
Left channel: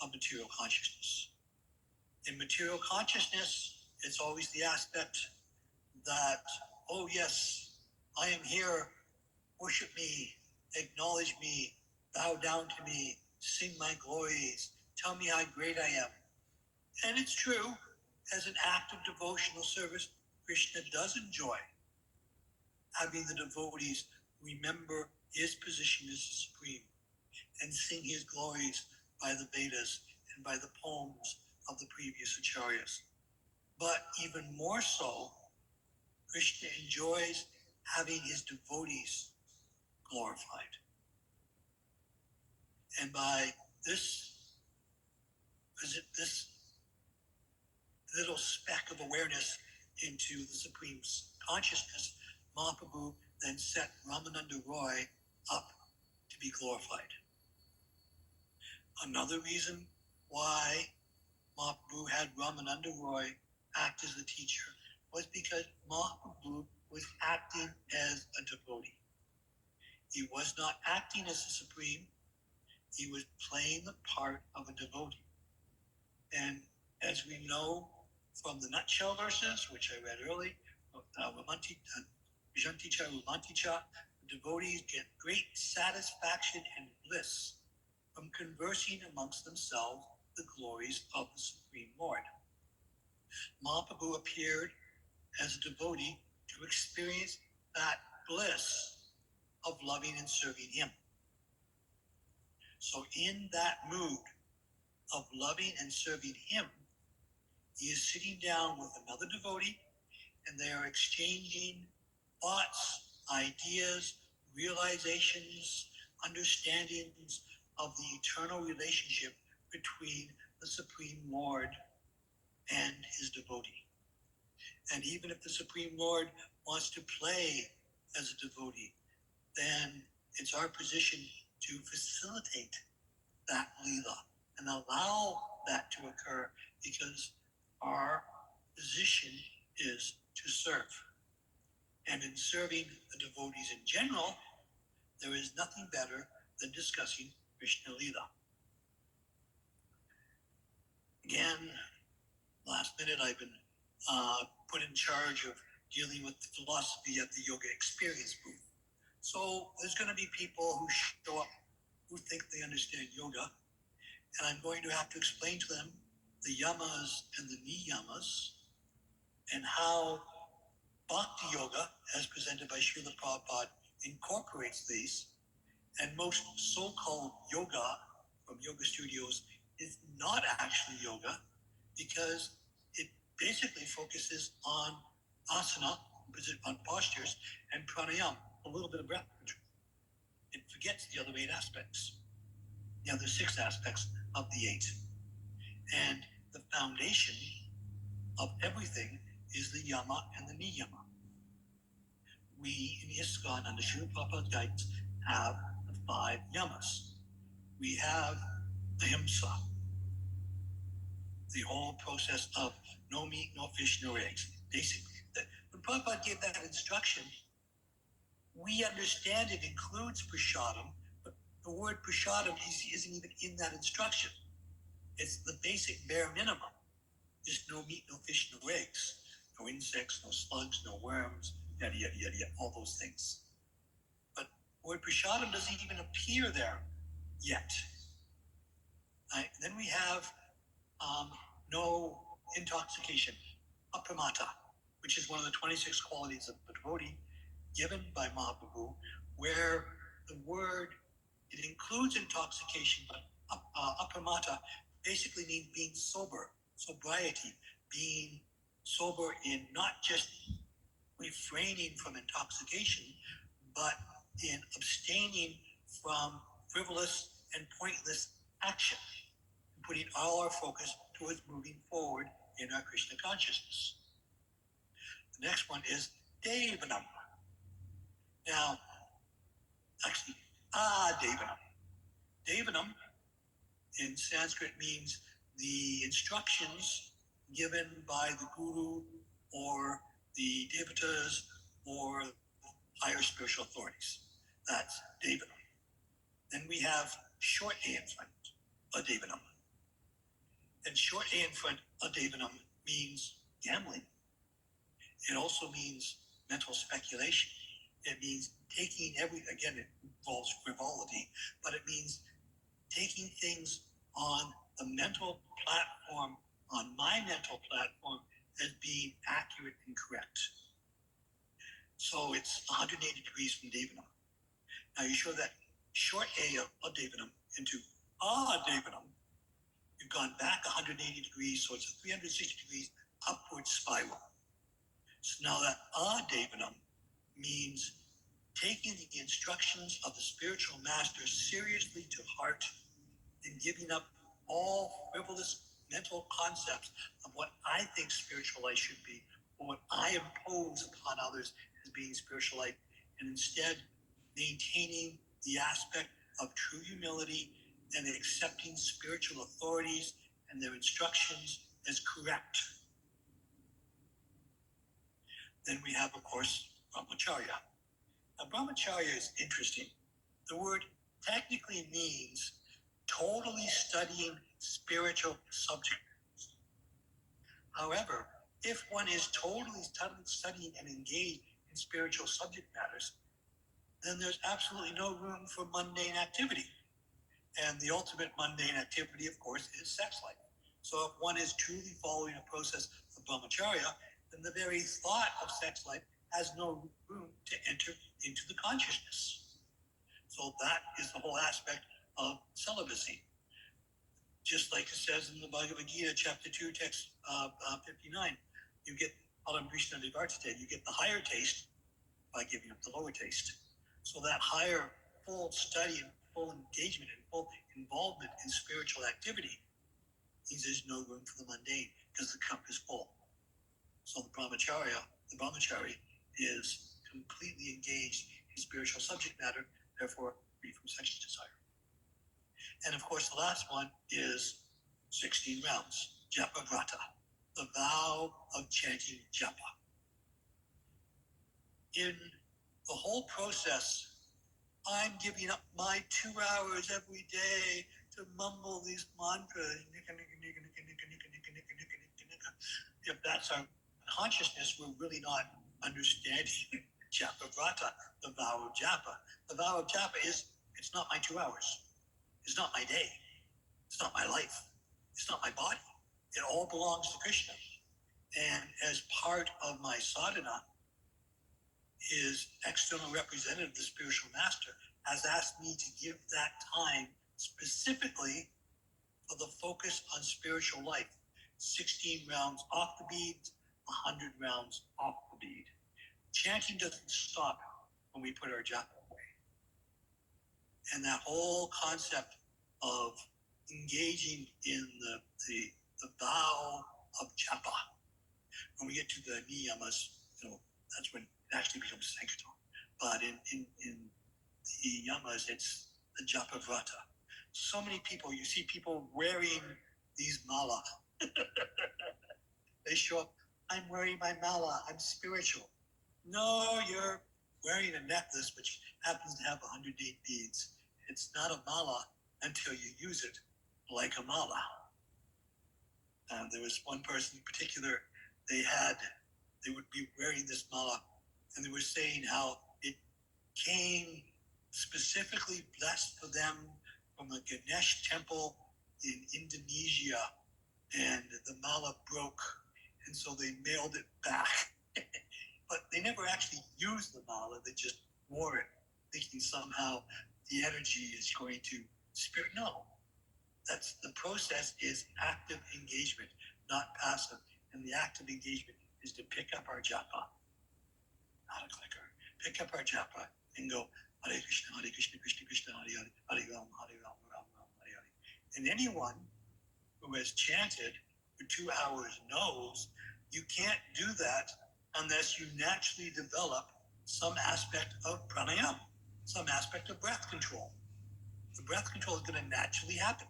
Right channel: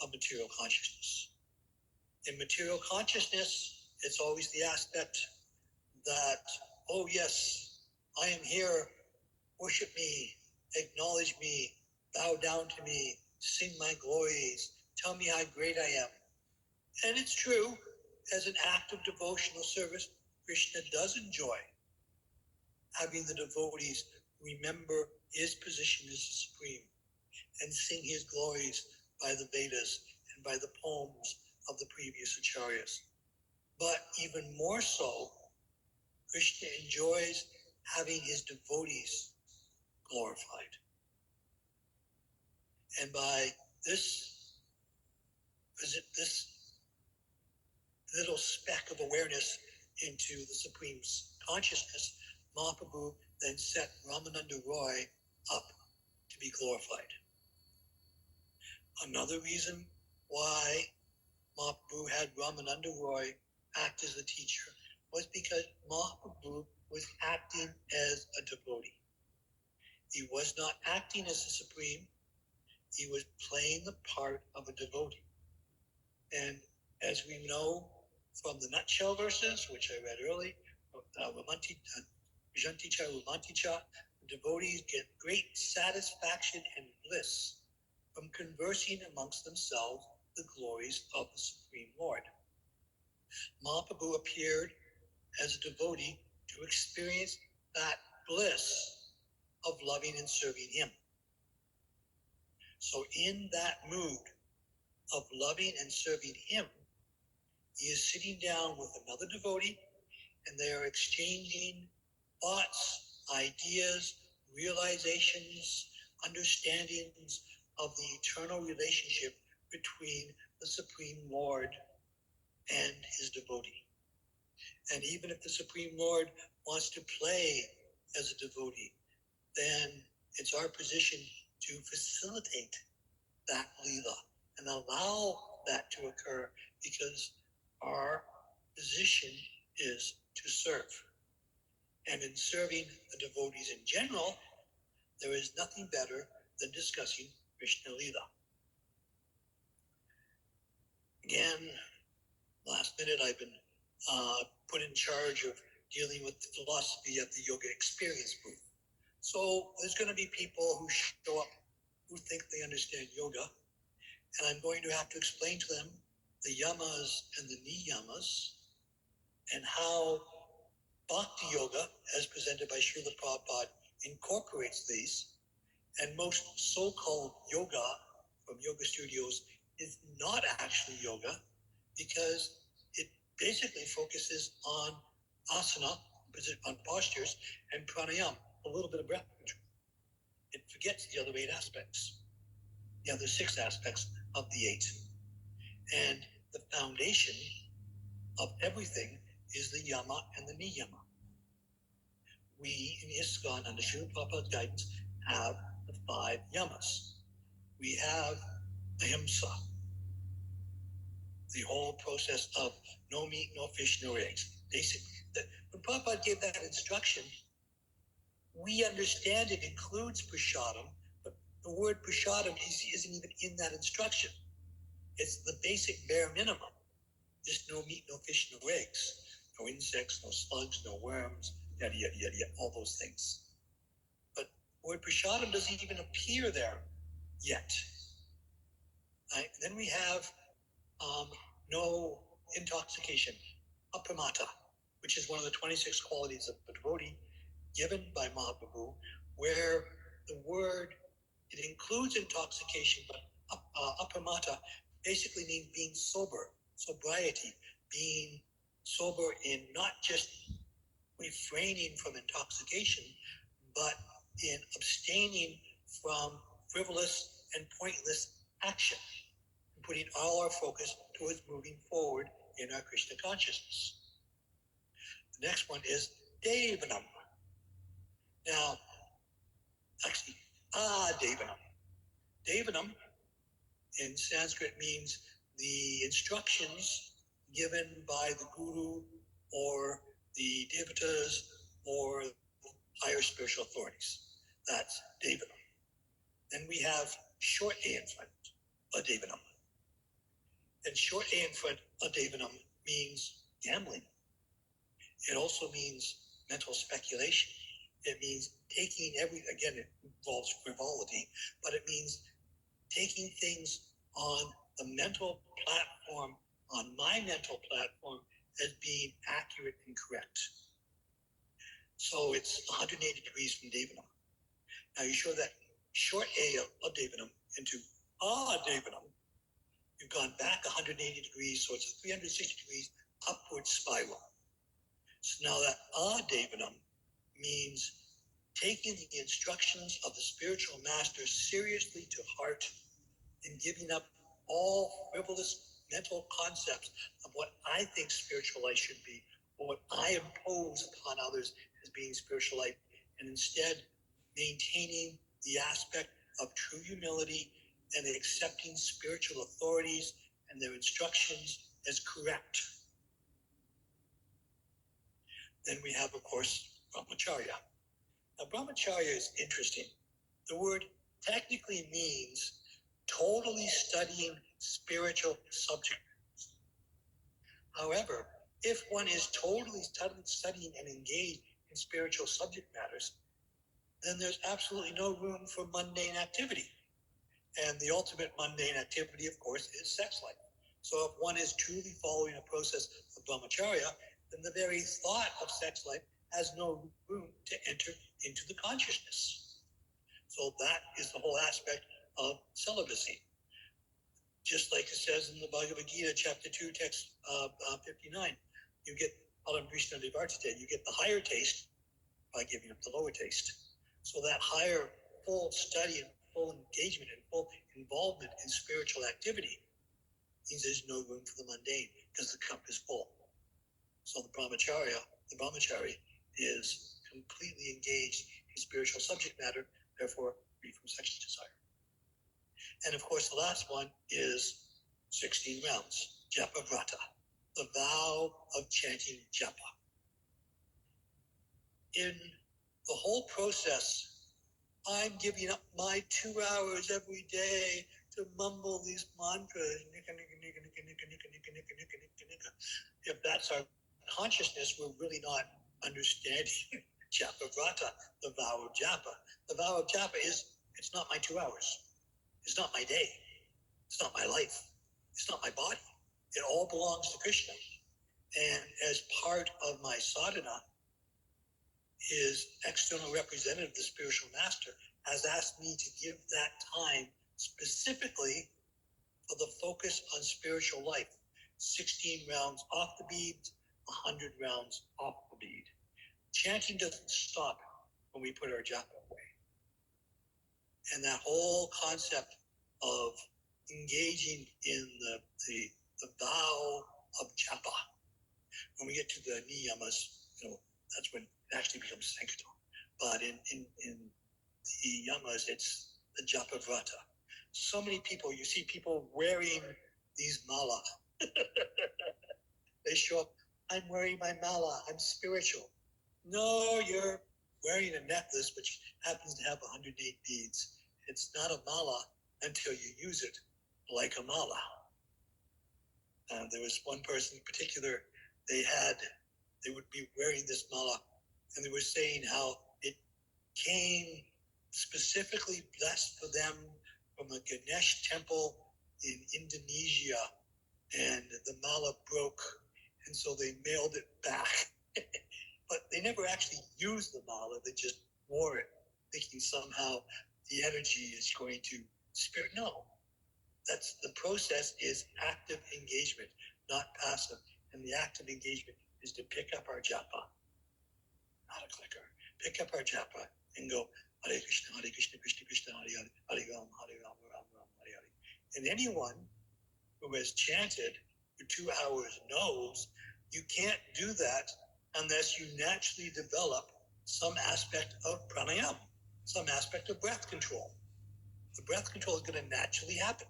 of material consciousness. In material consciousness, it's always the aspect that, oh yes, I am here, worship me, acknowledge me, bow down to me, sing my glories, tell me how great I am. And it's true, as an act of devotional service, Krishna does enjoy having the devotees remember his position as the supreme and sing his glories by the Vedas and by the poems of the previous acharyas. But even more so, Krishna enjoys having his devotees glorified. And by this little speck of awareness into the Supreme's consciousness, Mahaprabhu then set Ramananda Roy up to be glorified. Another reason why Mahaprabhu had Ramananda Roy act as the teacher was because Mahaprabhu was acting as a devotee. He was not acting as the Supreme. He was playing the part of a devotee. And as we know from the nutshell verses, which I read early, Janticha Romanticha, the devotees get great satisfaction and bliss from conversing amongst themselves the glories of the Supreme Lord. Mahaprabhu appeared as a devotee to experience that bliss of loving and serving him. So in that mood of loving and serving him, he is sitting down with another devotee and they are exchanging thoughts, ideas, realizations, understandings of the eternal relationship between the Supreme Lord and his devotee. And even if the Supreme Lord wants to play as a devotee, then it's our position to facilitate that Leela and allow that to occur, because our position is to serve. And in serving the devotees in general, there is nothing better than discussing Krishna Lila. Again, last minute I've been put in charge of dealing with the philosophy at the Yoga Experience booth. So there's going to be people who show up who think they understand yoga, and I'm going to have to explain to them the yamas and the niyamas and how Bhakti Yoga, as presented by Srila Prabhupada, incorporates these, and most so-called yoga from yoga studios is not actually yoga because it basically focuses on asana, on postures, and pranayama, a little bit of breath control. It forgets the other 8 aspects, the other 6 aspects of the 8. And the foundation of everything is the yama and the niyama. We in ISKCON, under Srila Prabhupada's guidance, have the 5 yamas. We have ahimsa, the whole process of no meat, no fish, no eggs. Basically, when Prabhupada gave that instruction, we understand it includes prasadam, but the word prasadam isn't even in that instruction. It's the basic bare minimum. Just no meat, no fish, no eggs, no insects, no slugs, no worms, yada, yada, yada, yada, all those things. But the word prasadam doesn't even appear there yet. Right? Then we have no intoxication, apramata, which is one of the 26 qualities of a devotee given by Mahaprabhu, where the word, it includes intoxication, but apramata basically means being sober, sobriety, being sober in not just refraining from intoxication, but in abstaining from frivolous and pointless action, and putting all our focus towards moving forward in our Krishna consciousness. The next one is Devanam. Now, actually, Devanam. Devanam in Sanskrit means the instructions given by the guru or the devatas or higher spiritual authorities. That's Devanam. Then we have short A in front, Adevanam. And short A in front, Adevanam, means gambling. It also means mental speculation. It means taking again, it involves frivolity, but it means taking things on the mental platform, on my mental platform, as being accurate and correct. So it's 180 degrees from Devanam. Now you show that short A of Devanam into Devanam. You've gone back 180 degrees, so it's a 360 degrees upward spiral. So now that Devanam means taking the instructions of the spiritual master seriously to heart and giving up all frivolous mental concepts of what I think spiritual life should be, or what I impose upon others as being spiritual life, and instead maintaining the aspect of true humility and accepting spiritual authorities and their instructions as correct. Then we have, of course, brahmacharya. Now, brahmacharya is interesting. The word technically means totally studying spiritual subjects. However, if one is totally studying and engaged in spiritual subject matters, then there's absolutely no room for mundane activity. And the ultimate mundane activity, of course, is sex life. So if one is truly following a process of brahmacharya, then the very thought of sex life has no room to enter into the consciousness. So that is the whole aspect of celibacy. Just like it says in the Bhagavad Gita, chapter 2, text 59, you get Alam Krishna Divartate, you get the higher taste by giving up the lower taste. So that higher full study and full engagement and full involvement in spiritual activity means there's no room for the mundane because the cup is full. So the brahmachari is completely engaged in spiritual subject matter, therefore free from sexual desire. And of course, the last one is 16 rounds, Japa Vrata. the vow of chanting japa. In the whole process, I'm giving up my 2 hours every day to mumble these mantras. If that's our consciousness, we're really not understanding Japa Vrata, the vow of Japa. The vow of Japa is, it's not my 2 hours. It's not my day. It's not my life. It's not my body. It all belongs to Krishna. And as part of my sadhana, his external representative, the spiritual master, has asked me to give that time specifically for the focus on spiritual life. 16 rounds off the beads, 100 rounds off the bead. Chanting doesn't stop when we put our japa away. And that whole concept of engaging in the vow of japa, when we get to the niyamas, that's when it actually becomes sankirtan. But in the yamas, it's the japa vrata. So many people, you see people wearing these mala. They show up, I'm wearing my mala, I'm spiritual. No, you're wearing a necklace which happens to have 108 beads. It's not a mala until you use it like a mala. There was one person in particular, they would be wearing this mala, and they were saying how it came specifically blessed for them from a Ganesh temple in Indonesia, and the mala broke, and so they mailed it back. But they never actually used the mala, they just wore it, thinking somehow the energy is going to spirit. No, that's the process is active engagement, not passive. And the active engagement is to pick up our japa, not a clicker. Pick up our japa and go, Hare Krishna, Krishna Krishna, Hare Hare, Hare Ram, Hare Ram, Ram Ram, Hare Hare. And anyone who has chanted for 2 hours knows you can't do that unless you naturally develop some aspect of pranayama, some aspect of breath control. The breath control is going to naturally happen.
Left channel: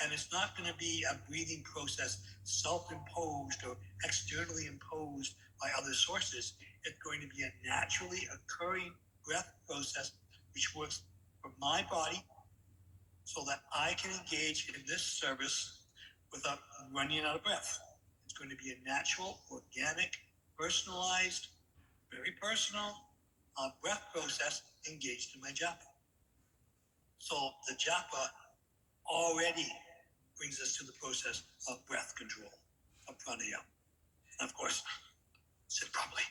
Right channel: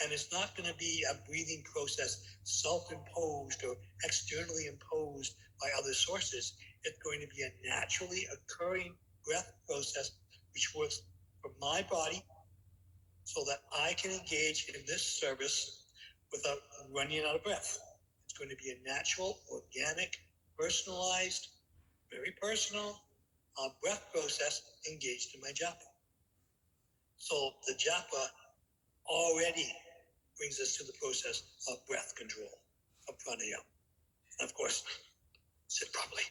And it's not going to be a breathing process self-imposed or externally imposed by other sources. It's going to be a naturally occurring breath process which works for my body so that I can engage in this service without running out of breath. It's going to be a natural, organic, personalized, very personal breath process engaged in my japa. So the japa already brings us to the process of breath control, of pranayama. And of course, sit properly.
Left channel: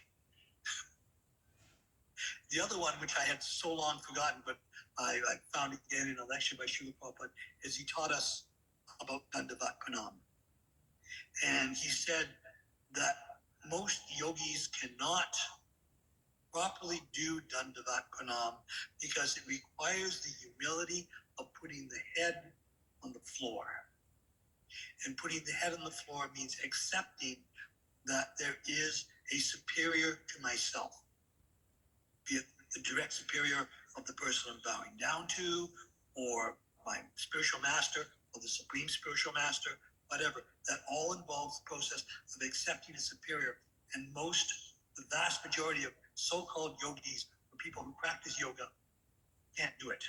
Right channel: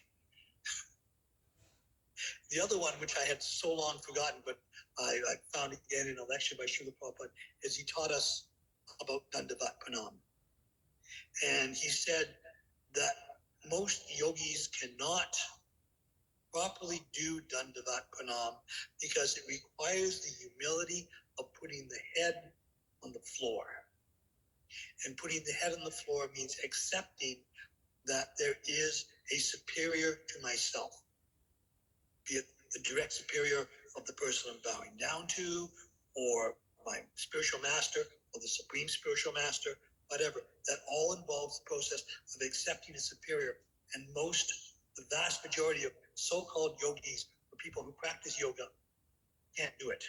The other one, which I had so long forgotten, but I found again in a lecture by Srila Prabhupada, is he taught us about Dandavat Pranam. And he said that most yogis cannot properly do Dandavat Pranam because it requires the humility of putting the head on the floor. And putting the head on the floor means accepting that there is a superior to myself, be it the direct superior of the person I'm bowing down to, or my spiritual master, or the supreme spiritual master, whatever. That all involves the process of accepting a superior. And the vast majority of so-called yogis, or people who practice yoga, can't do it.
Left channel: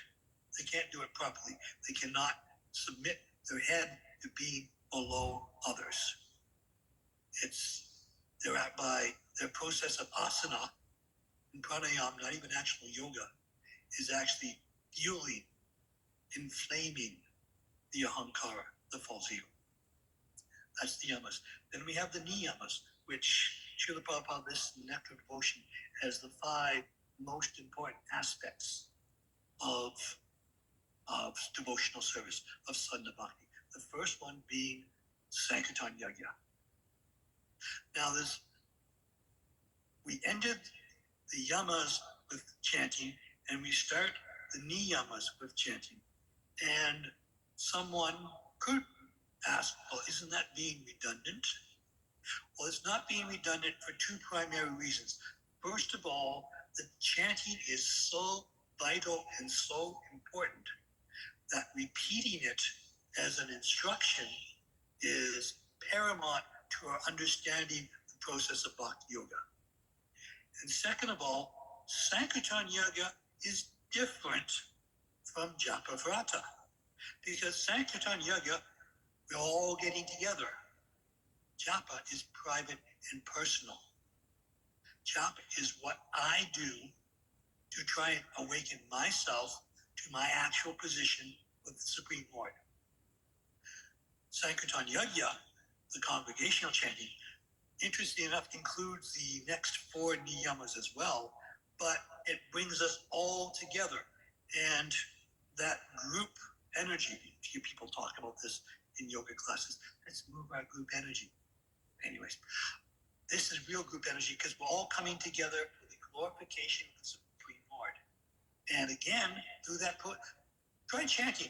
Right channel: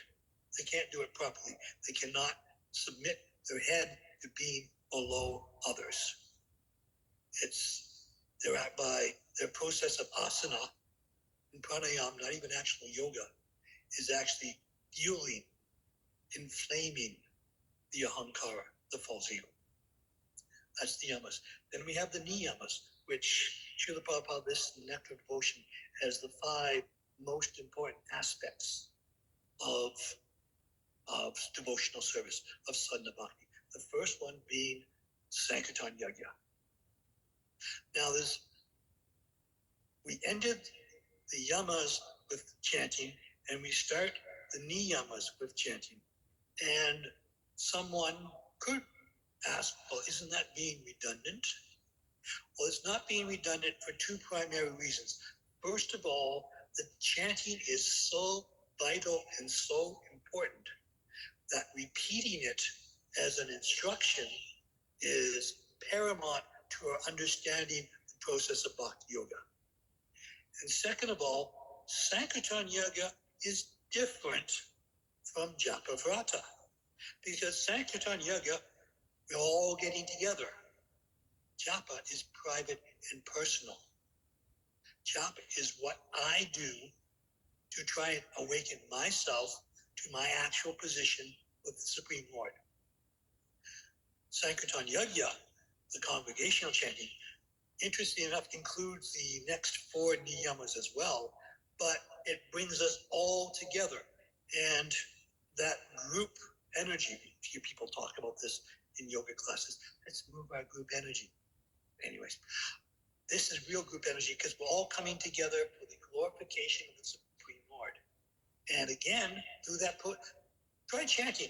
They can't do it properly. They cannot submit their head to being below others. They're at by their process of asana and pranayama, not even actual yoga, is actually fueling, inflaming the ahankara, the false ego. That's the yamas. Then we have the niyamas, which Srila Prabhupada lists in Nectar of Devotion as the 5 most important aspects of devotional service, of sadhana bhakti. The first one being Sankirtan Yajna. Now we ended the yamas with chanting, and we start the niyamas with chanting. And someone could ask, well, isn't that being redundant? Well, it's not being redundant for 2 primary reasons. First of all, the chanting is so vital and so important that repeating it as an instruction is paramount to our understanding the process of Bhakti Yoga. And second of all, Sankirtan Yoga is different from Japa Vrata, because Sankirtan Yoga, we're all getting together. Japa is private and personal. Japa is what I do to try and awaken myself to my actual position with the Supreme Lord. Sankirtan Yajna, the congregational chanting, interestingly enough, includes the next 4 niyamas as well, but it brings us all together. And that group energy, few people talk about this in yoga classes, let's move our group energy. Anyways, this is real group energy because we're all coming together for the glorification of the Supreme Lord. And again, through that, try chanting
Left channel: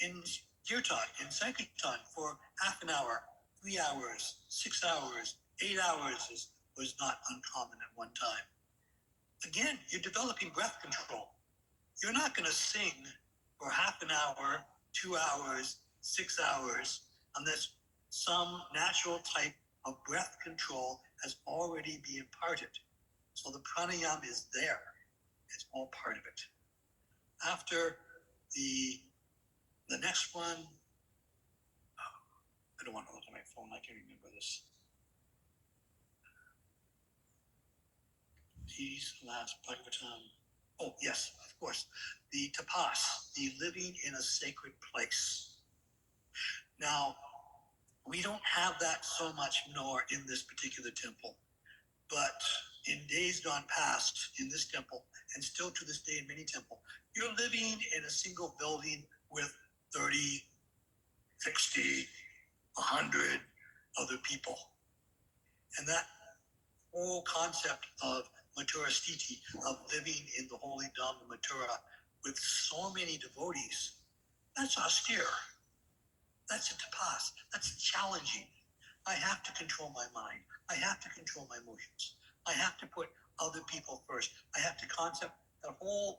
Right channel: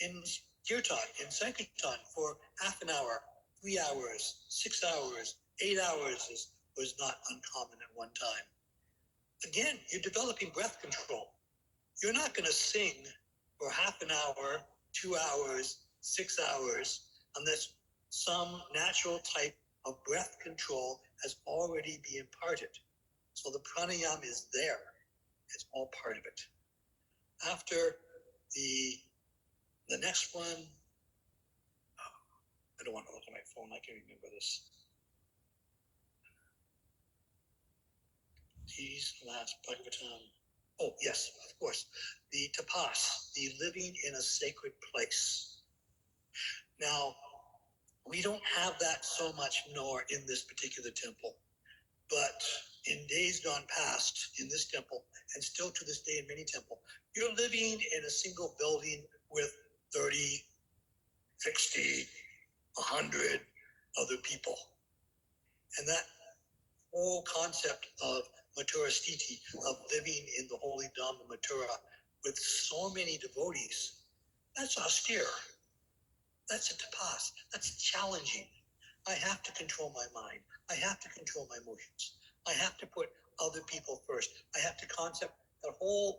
in Kirtan, in Sankirtan for half an hour, 3 hours, 6 hours, 8 hours was not uncommon at one time. Again, you're developing breath control. You're not going to sing for half an hour, 2 hours, 6 hours, unless some natural type of breath control has already been imparted. So the pranayama is there. It's all part of it. After the next one, I don't want to look at my phone. I can remember this. Geez, last Bhagavatam. Oh, yes, of course. The tapas, the living in a sacred place. Now, we don't have that so much nor in this particular temple, but in days gone past in this temple, and still to this day in many temples, you're living in a single building with 30, 60, 100 other people. And that whole concept of Mathura Sthiti, of living in the holy Dhamma Mathura with so many devotees, that's austere. That's a tapas. That's challenging. I have to control my mind. I have to control my emotions. I have to put other people first. I have to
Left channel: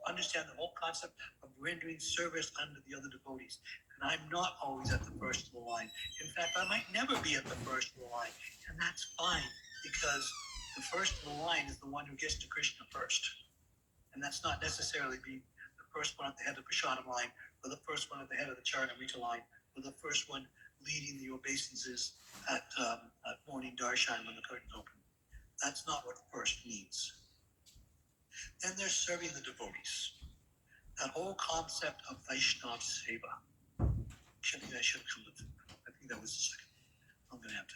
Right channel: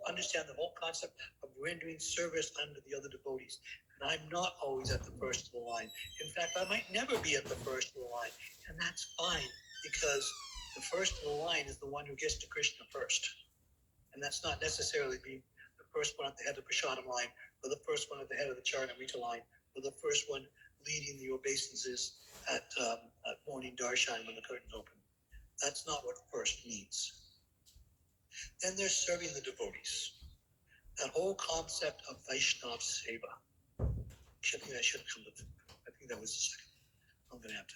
understand the whole concept of rendering service unto the other devotees. And I'm not always at the first of the line. In fact, I might never be at the first of the line. And that's fine, because the first of the line is the one who gets to Krishna first. And that's not necessarily being the first one at the head of the Prasadam line, or the first one at the head of the Charanamrita line, or the first one leading the obeisances at morning darshan when the curtains open. That's not what first means. Then there's serving the devotees. That whole concept of Vaishnava Seva. I think I should come to. I think that was the second. I'm going to have to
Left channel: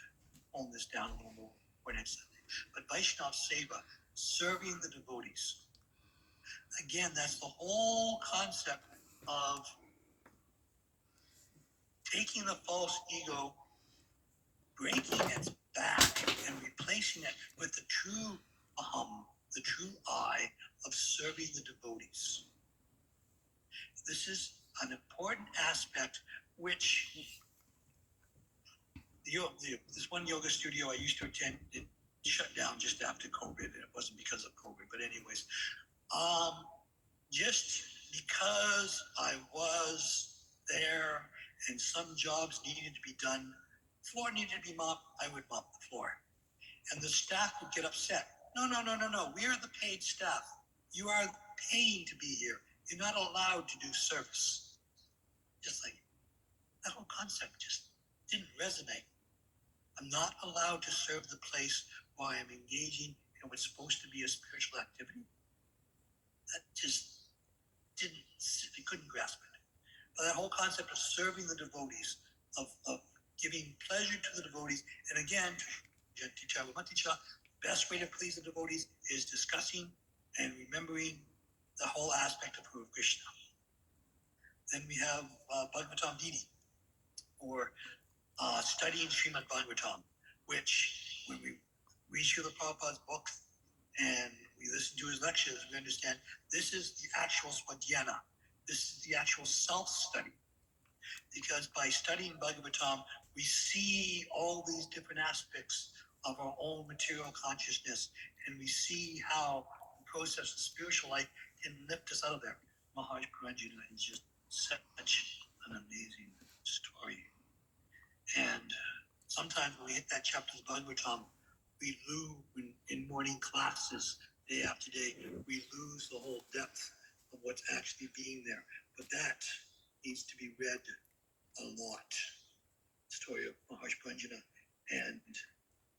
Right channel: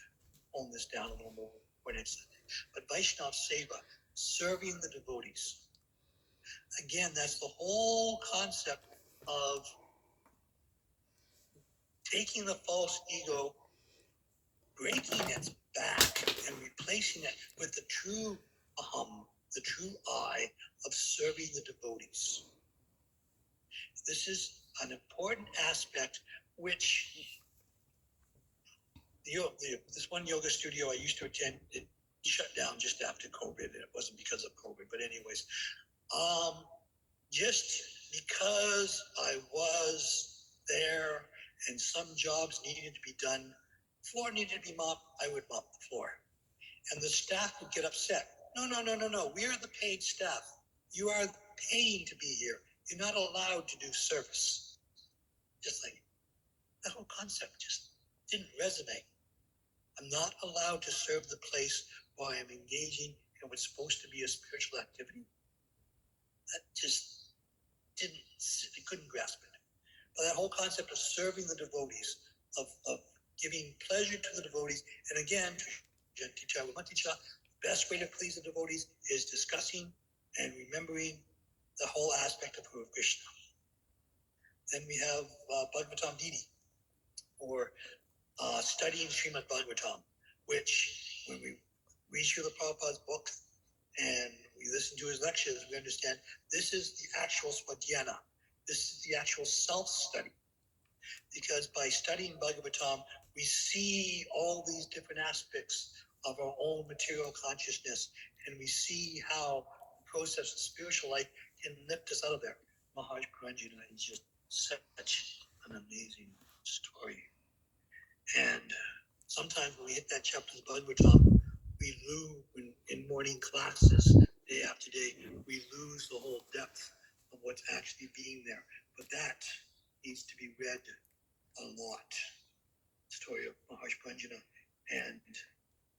hone this down a little more for next Sunday. But Vaishnava Seva, serving the devotees. Again, that's the whole concept of taking the false ego, breaking its back, and replacing it with the true aham, the true I of serving the devotees. This is an important aspect which this one yoga studio I used to attend, it shut down just after COVID, and it wasn't because of COVID, but anyways, just because I was there and some jobs needed to be done, floor needed to be mopped, I would mop the floor. And the staff would get upset. No. We are the paid staff. You are paying to be here. You're not allowed to do service. Just like that whole concept just didn't resonate. I'm not allowed to serve the place while I'm engaging in what's supposed to be a spiritual activity. That just I couldn't grasp it. But that whole concept of serving the devotees, of giving pleasure to the devotees, and again, the best way to please the devotees is discussing and remembering the whole aspect of who of Krishna. Then we have Bhagavatam Didi, or studying Srimad Bhagavatam, which when we read Srila Prabhupada's book and we listen to his lectures, we understand this is the actual swadhyana. This is the actual self-study. Because by studying Bhagavatam, we see all these different aspects of our own material consciousness, and we see how the process of spiritual life can lift us out of there. Maharaj Puranjana is just such an amazing story. And sometimes when we hit that chapter of the Bhagavatam, we lose in morning classes, day after day, we lose the whole depth of what's actually being there. But that needs to be read a lot. The story of Maharshi Pranjana. And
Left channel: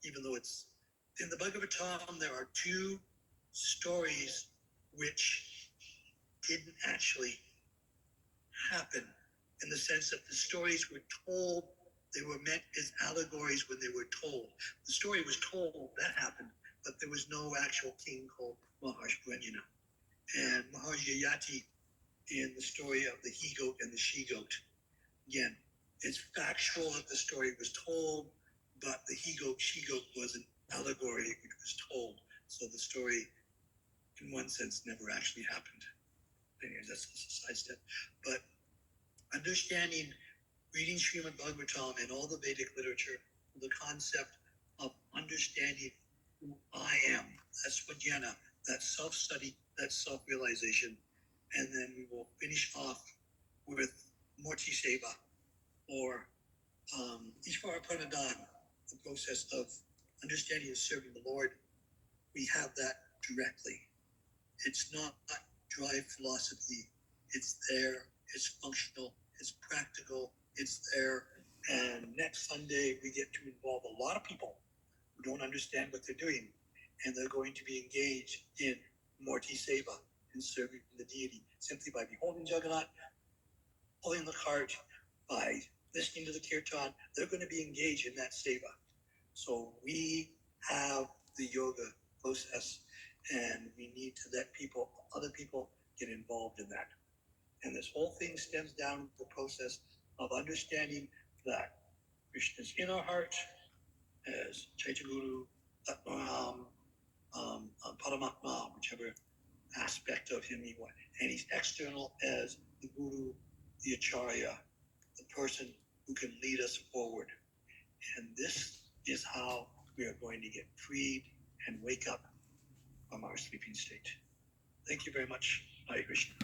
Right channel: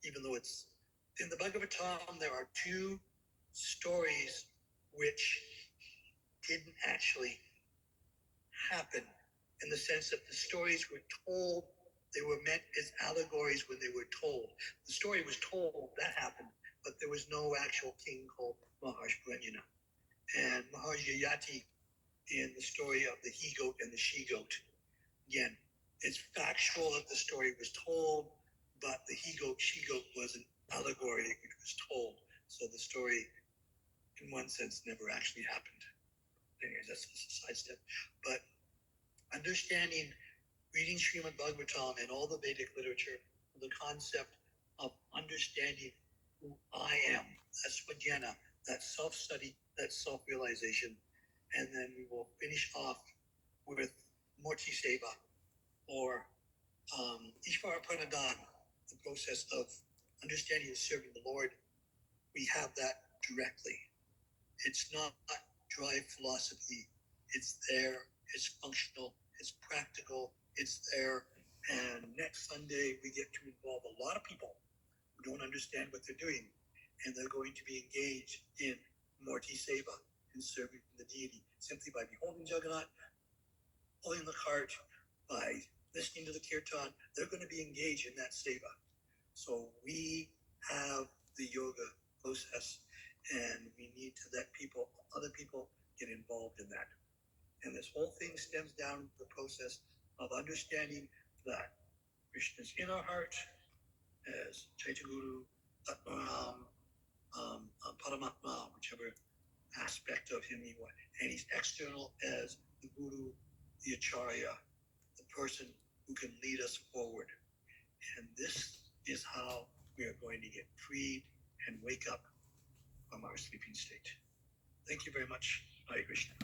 even though it's in the Bhagavatam, there are two stories which didn't actually happen, in the sense that the stories were told, they were meant as allegories when they were told. The story was told, that happened, but there was no actual king called Maharshi Pranjana. And Maharshi Yati, in the story of the he-goat and the she-goat, again, it's factual that the story was told, but the he-goat, she-goat was an allegory which was told. So the story, in one sense, never actually happened. Anyways, that's a side step. But understanding, reading Srimad Bhagavatam and all the Vedic literature, the concept of understanding who I am, that's Vajnana, that self-study, that self-realization. And then we will finish off with Morti Seva, or Ishvara Pranadhan, the process of understanding and serving the Lord. We have that directly. It's not dry philosophy. It's there, it's functional, it's practical, it's there. And next Sunday, we get to involve a lot of people who don't understand what they're doing. And they're going to be engaged in Morti Seva, in serving the deity, simply by beholding Jagannath, pulling the cart, by listening to the kirtan. They're going to be engaged in that seva. So we have the yoga process, and we need to let people, other people, get involved in that. And this whole thing stems down to the process of understanding that Krishna is in our heart as Chaitaguru, Atmaram, Paramatma, whichever aspect of him he was. And he's external as the Guru, the Acharya, the person who can lead us forward. And this is how we are going to get freed and wake up from our sleeping state. Thank you very much. Hare Krishna.